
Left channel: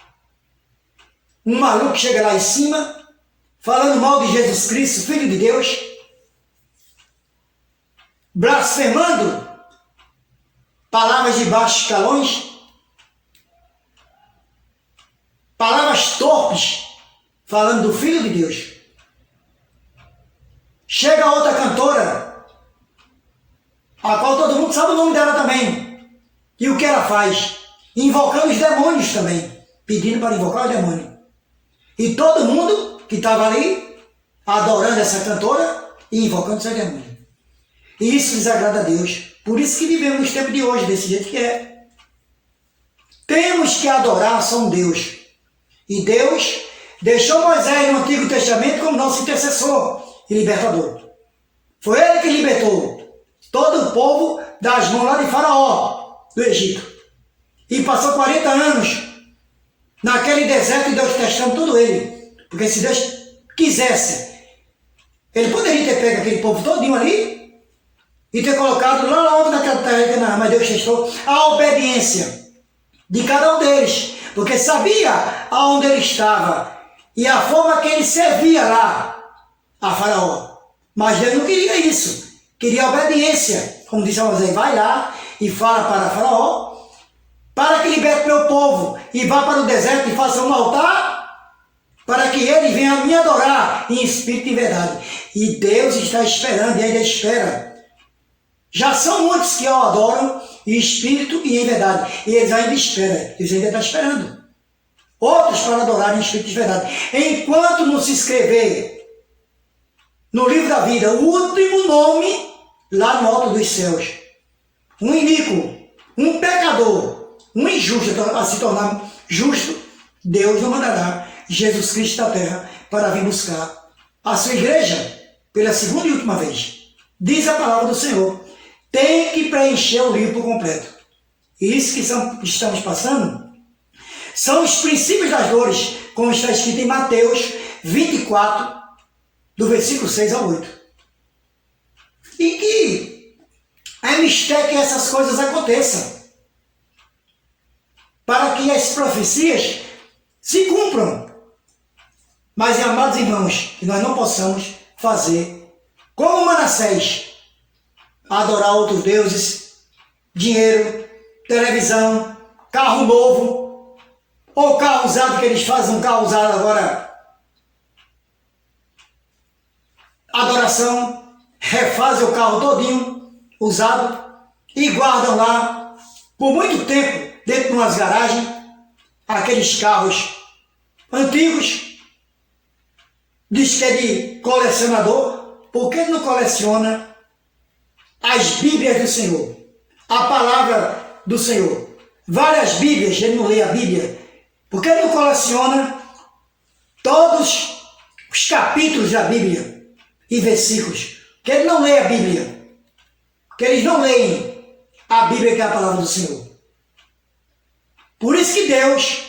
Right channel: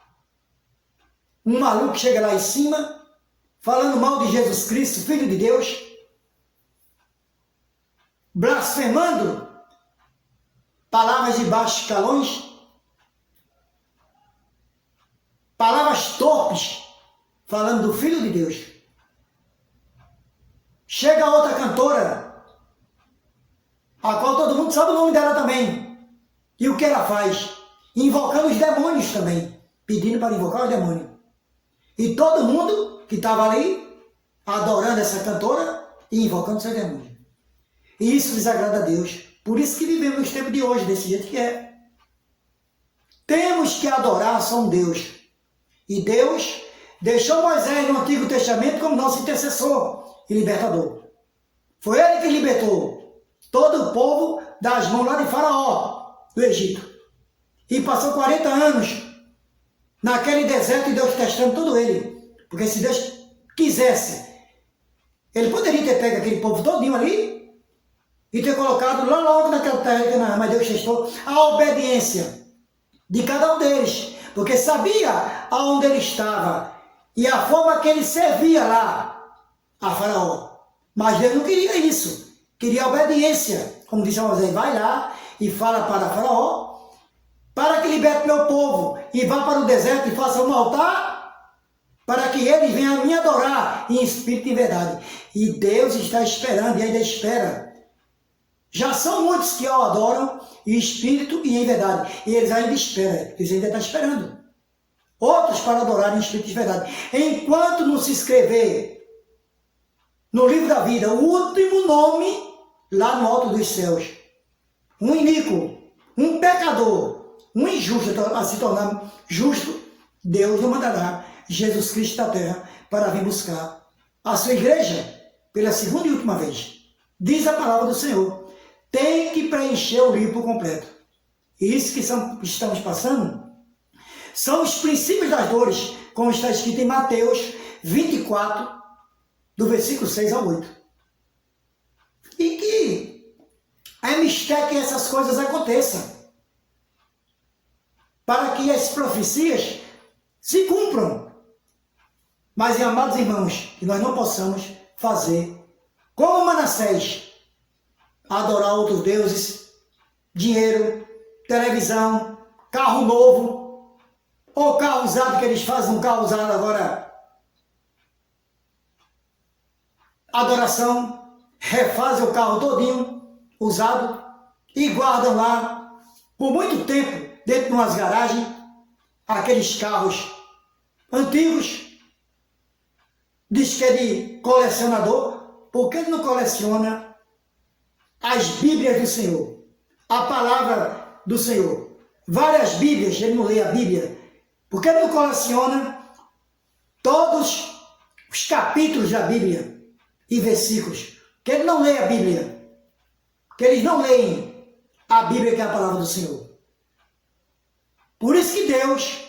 um maluco chega lá em cima, falando mal de Jesus Cristo, Filho de Deus, blasfemando palavras de baixos escalões, palavras torpes, falando do Filho de Deus. Chega outra cantora, a qual todo mundo sabe o nome dela também. E o que ela faz? Invocando os demônios também. Pedindo para invocar o demônio. E todo mundo que estava ali, adorando essa cantora e invocando seu demônio. E isso desagrada a Deus. Por isso que vivemos nos tempos de hoje, desse jeito que é. Temos que adorar só um Deus. E Deus deixou Moisés no Antigo Testamento como nosso intercessor e libertador. Foi ele que libertou todo o povo das mãos lá de Faraó, do Egito. E passou 40 anos naquele deserto e Deus testando todo ele. Porque se Deus quisesse, ele poderia ter pego aquele povo todinho ali e ter colocado lá longe daquela terra de Canaã, mas Deus testou a obediência de cada um deles, porque sabia aonde ele estava e a forma que ele servia lá a Faraó. Mas Deus não queria isso, queria obediência. Como disse a Moisés, vai lá e fala para Faraó, para que liberte meu povo e vá para o deserto e faça um altar, para que ele venha me adorar em espírito e verdade. E Deus está esperando e ainda espera. Já são muitos que o adoram em espírito e em verdade. E eles ainda esperam, eles ainda estão esperando. Outros para adorar em espírito e verdade. Enquanto não se escrever no livro da vida o último nome lá no alto dos céus, um iníquo, um pecador, um injusto a se tornar justo, Deus não mandará Jesus Cristo da terra para vir buscar a sua igreja pela segunda e última vez. Diz a palavra do Senhor, tem que preencher o livro por completo. E isso que estamos passando são os princípios das dores, como está escrito em Mateus 24, do versículo 6 ao 8. Deus quer que essas coisas aconteçam, para que as profecias se cumpram. Mas, amados irmãos, que nós não possamos fazer como Manassés, adorar outros deuses, dinheiro, televisão, carro novo, ou carro usado, que eles fazem um carro usado agora, adoração, refazem o carro todinho, usado, e guardam lá, por muito tempo, dentro de umas garagens, aqueles carros antigos. Diz que é de colecionador, porque ele não coleciona as Bíblias do Senhor, a palavra do Senhor. Várias Bíblias, ele não lê a Bíblia, porque ele não coleciona todos os capítulos da Bíblia e versículos, que ele não lê a Bíblia, que eles não leem a Bíblia, que é a palavra do Senhor. Por isso que Deus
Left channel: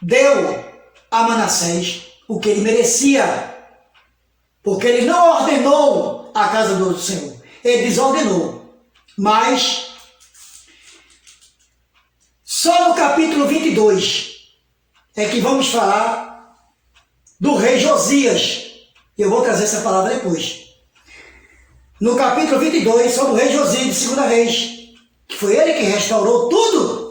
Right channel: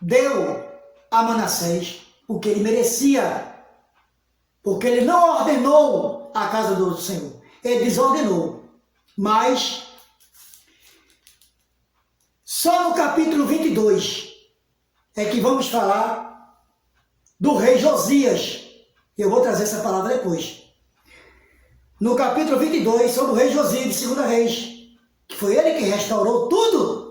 deu a Manassés o que ele merecia, porque ele não ordenou a casa do Senhor, ele desordenou. Mas só no capítulo 22 é que vamos falar do rei Josias. Eu vou trazer essa palavra depois. No capítulo 22, sobre o rei Josias de 2 Reis, que foi ele que restaurou todos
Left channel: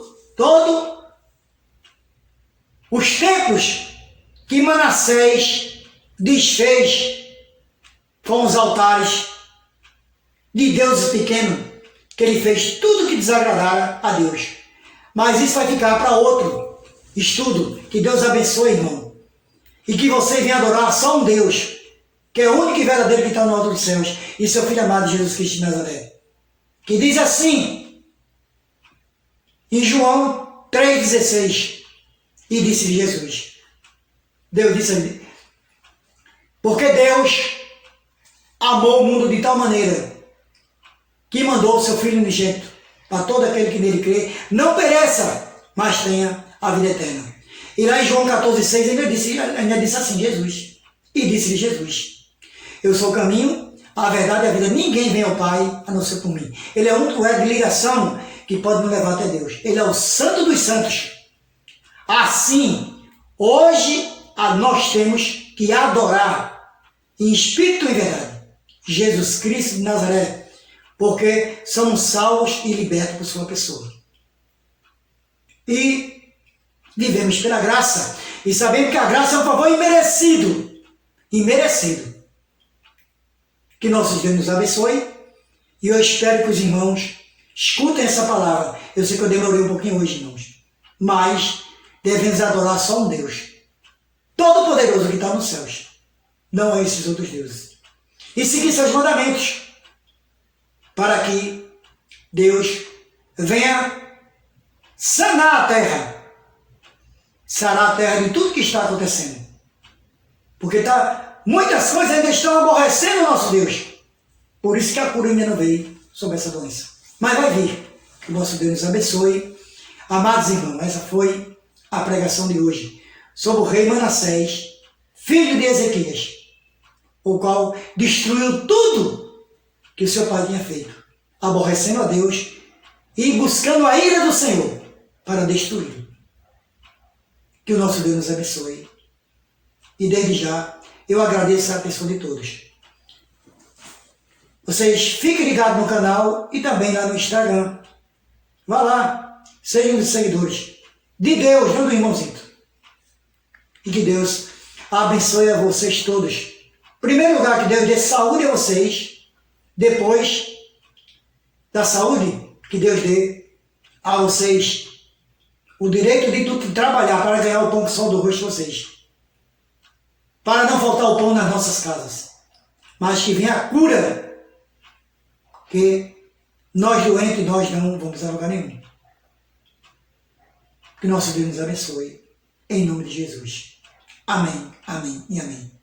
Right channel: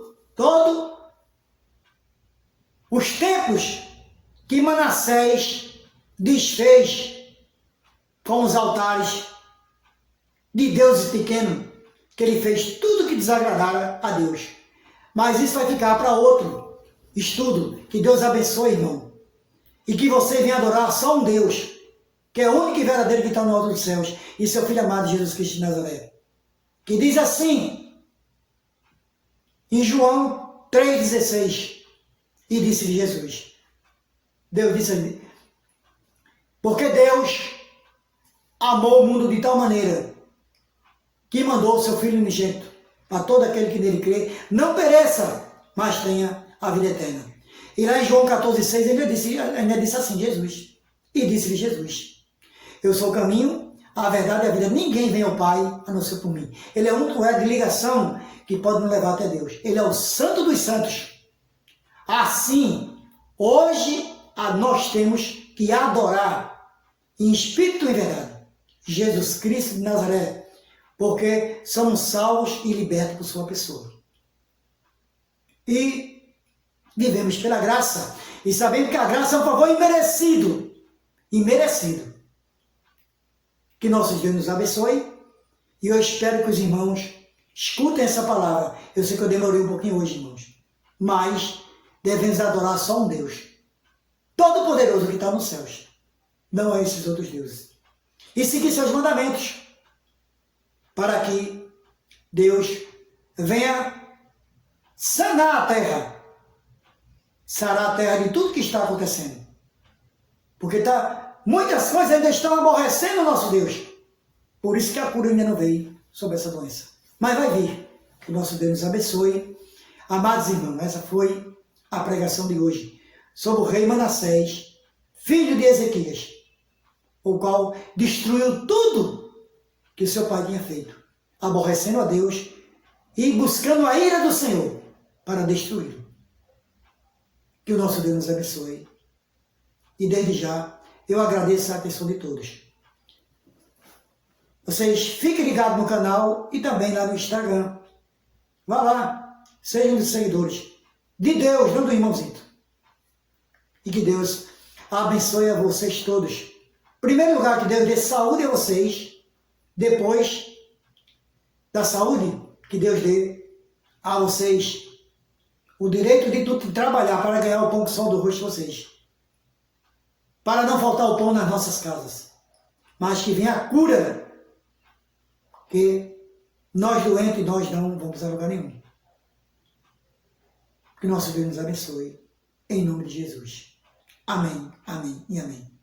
os templos que Manassés desfez com os altares de deuses pequenos, que ele fez tudo que desagradara a Deus. Mas isso vai ficar para outro estudo. Que Deus abençoe, irmão. E que você venha adorar só um Deus, que é o único e verdadeiro que está no alto dos céus, e seu Filho amado Jesus Cristo de Nazaré. Que diz assim, em João 3,16, e disse Jesus, Deus disse ali, porque Deus amou o mundo de tal maneira que mandou o seu Filho unigênito para todo aquele que nele crê, não pereça, mas tenha a vida eterna. E lá em João 14,6 ainda disse assim, Jesus, e disse-lhe Jesus, eu sou o caminho, a verdade e a vida, ninguém vem ao Pai a não ser por mim. Ele é o único elo de ligação que pode nos levar até Deus. Ele é o Santo dos Santos. Assim, hoje nós temos que adorar em espírito e verdade Jesus Cristo de Nazaré, porque somos salvos e libertos por sua pessoa. E vivemos pela graça, e sabemos que a graça é um favor imerecido. Que nosso Deus nos abençoe, e eu espero que os irmãos escutem essa palavra. Eu sei que eu demorei um pouquinho hoje, irmãos, mas devemos adorar só um Deus, todo-poderoso que está nos céus, não é esses outros deuses, e seguir seus mandamentos, para que Deus venha sanar a terra, sarar a terra de tudo que está acontecendo, porque muitas coisas ainda estão aborrecendo o nosso Deus, por isso que a cura ainda não veio sobre essa doença, mas vai vir. Que o nosso Deus nos abençoe. Amados irmãos, essa foi a pregação de hoje sobre o rei Manassés, filho de Ezequias, o qual destruiu tudo que o seu pai tinha feito, aborrecendo a Deus e buscando a ira do Senhor para destruí-lo. Que o nosso Deus nos abençoe. E desde já, eu agradeço a atenção de todos. Vocês fiquem ligados no canal e também lá no Instagram. Vá lá, sejam os seguidores de Deus, não do irmãozinho. E que Deus abençoe a vocês todos. Em primeiro lugar, que Deus dê saúde a vocês. Depois da saúde, que Deus dê a vocês o direito de trabalhar para ganhar o pão que são do rosto de vocês. Para não faltar o pão nas nossas casas. Mas que venha a cura, que nós doentes, nós não vamos a lugar nenhum. Que nosso Deus nos abençoe. Em nome de Jesus. Amém, amém e amém.